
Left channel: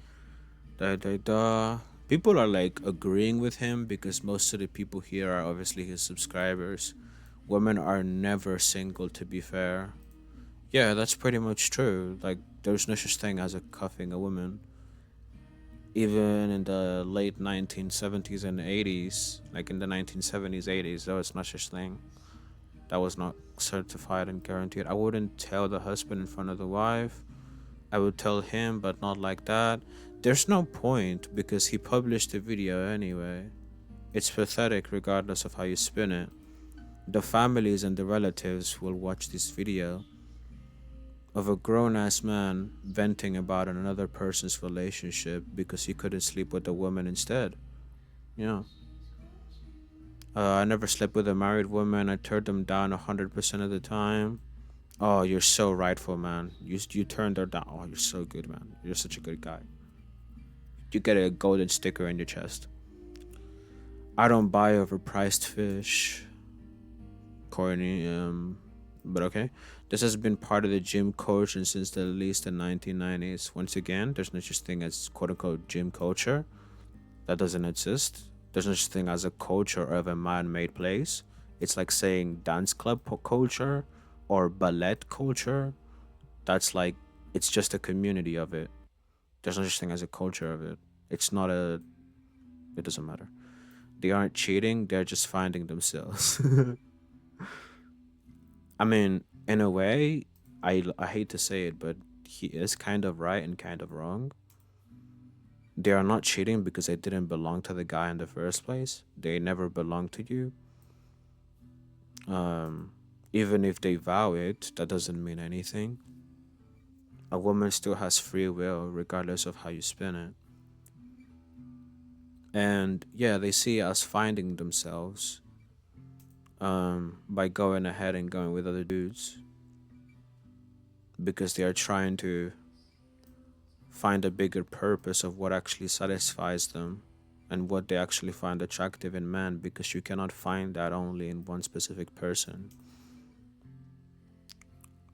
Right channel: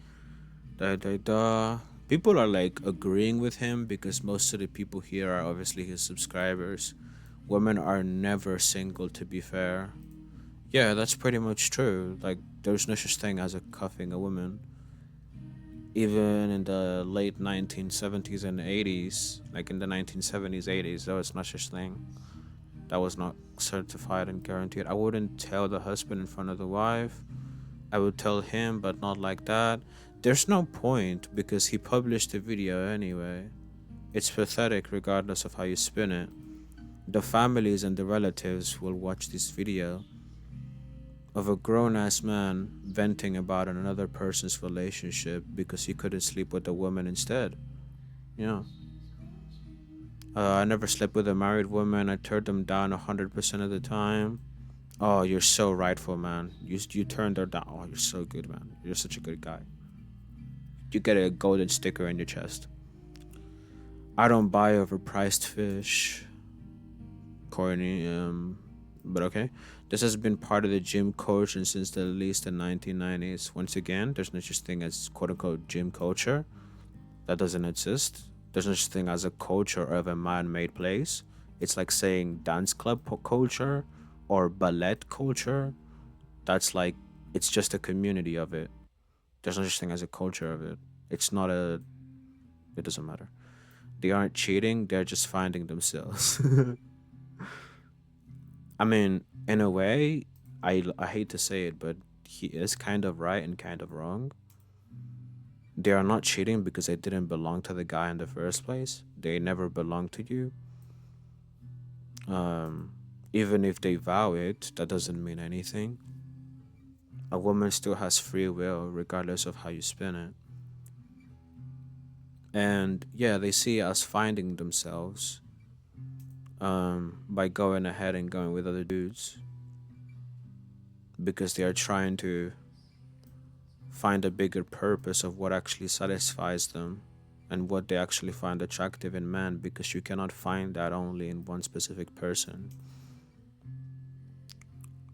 Da da da. People are like agreeing with him because most of the people here are obviously his subscribers. Women are never single, to be fair. Yeah, that's pretty much true. Like, there's no such thing as a cuffing a woman. Even in the late 1970s and 80s, like in the 1970s, 80s, there was no such thing. That was not certified and guaranteed. I wouldn't tell the husband in front of the wife. I would tell him, but not like that. There's no point because he published the video anyway. It's pathetic regardless of how you spin it. The families and the relatives will watch this video of a grown ass man venting about another person's relationship because he couldn't sleep with a woman instead. Yeah. I never slept with a married woman. I turned them down 100% of the time. Oh, you're so rightful, man. You turned her down. Oh, you're so good, man. You're such a good guy. You get a golden sticker in your chest. I don't buy overpriced fish. Corny, but okay. This has been part of the gym culture since at least the 1990s. Once again, there's no such thing as quote unquote gym culture. That doesn't exist. There's no such thing as a culture of a man-made place. It's like saying dance club culture or ballet culture. That's like, it's just a community of it. There's no such thing as a culture of it. It's not a, it doesn't matter. They aren't cheating, they're just finding themselves. I mean, in a way, I hate to say it, but he is kind of right and kind of wrong. They are not cheating because they didn't belong to the guy in the first place. They never belonged to you. Um, Even if they vow it, that doesn't mean anything. A woman still has free will, regardless of how you spin it. And yeah, they see us finding themselves by going ahead and going with other dudes because they are trying to find a bigger purpose of what actually satisfies them and what they actually find attractive in men because you cannot find that only in one specific person.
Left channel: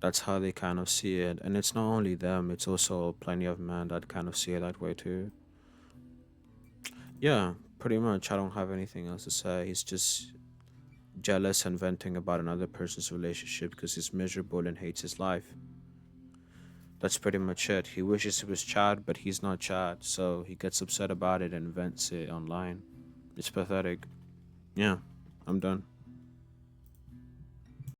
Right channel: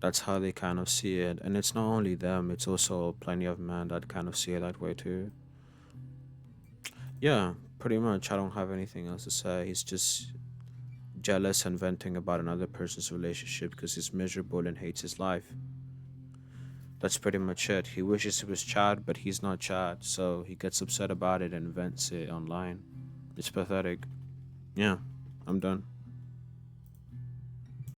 That's how they kind of see it. And it's not only them, it's also plenty of men that kind of see it that way too. Yeah, pretty much. I don't have anything else to say. He's just jealous and venting about another person's relationship because he's miserable and hates his life. That's pretty much it. He wishes he was Chad, but he's not Chad, so he gets upset about it and vents it online. It's pathetic. Yeah, I'm done.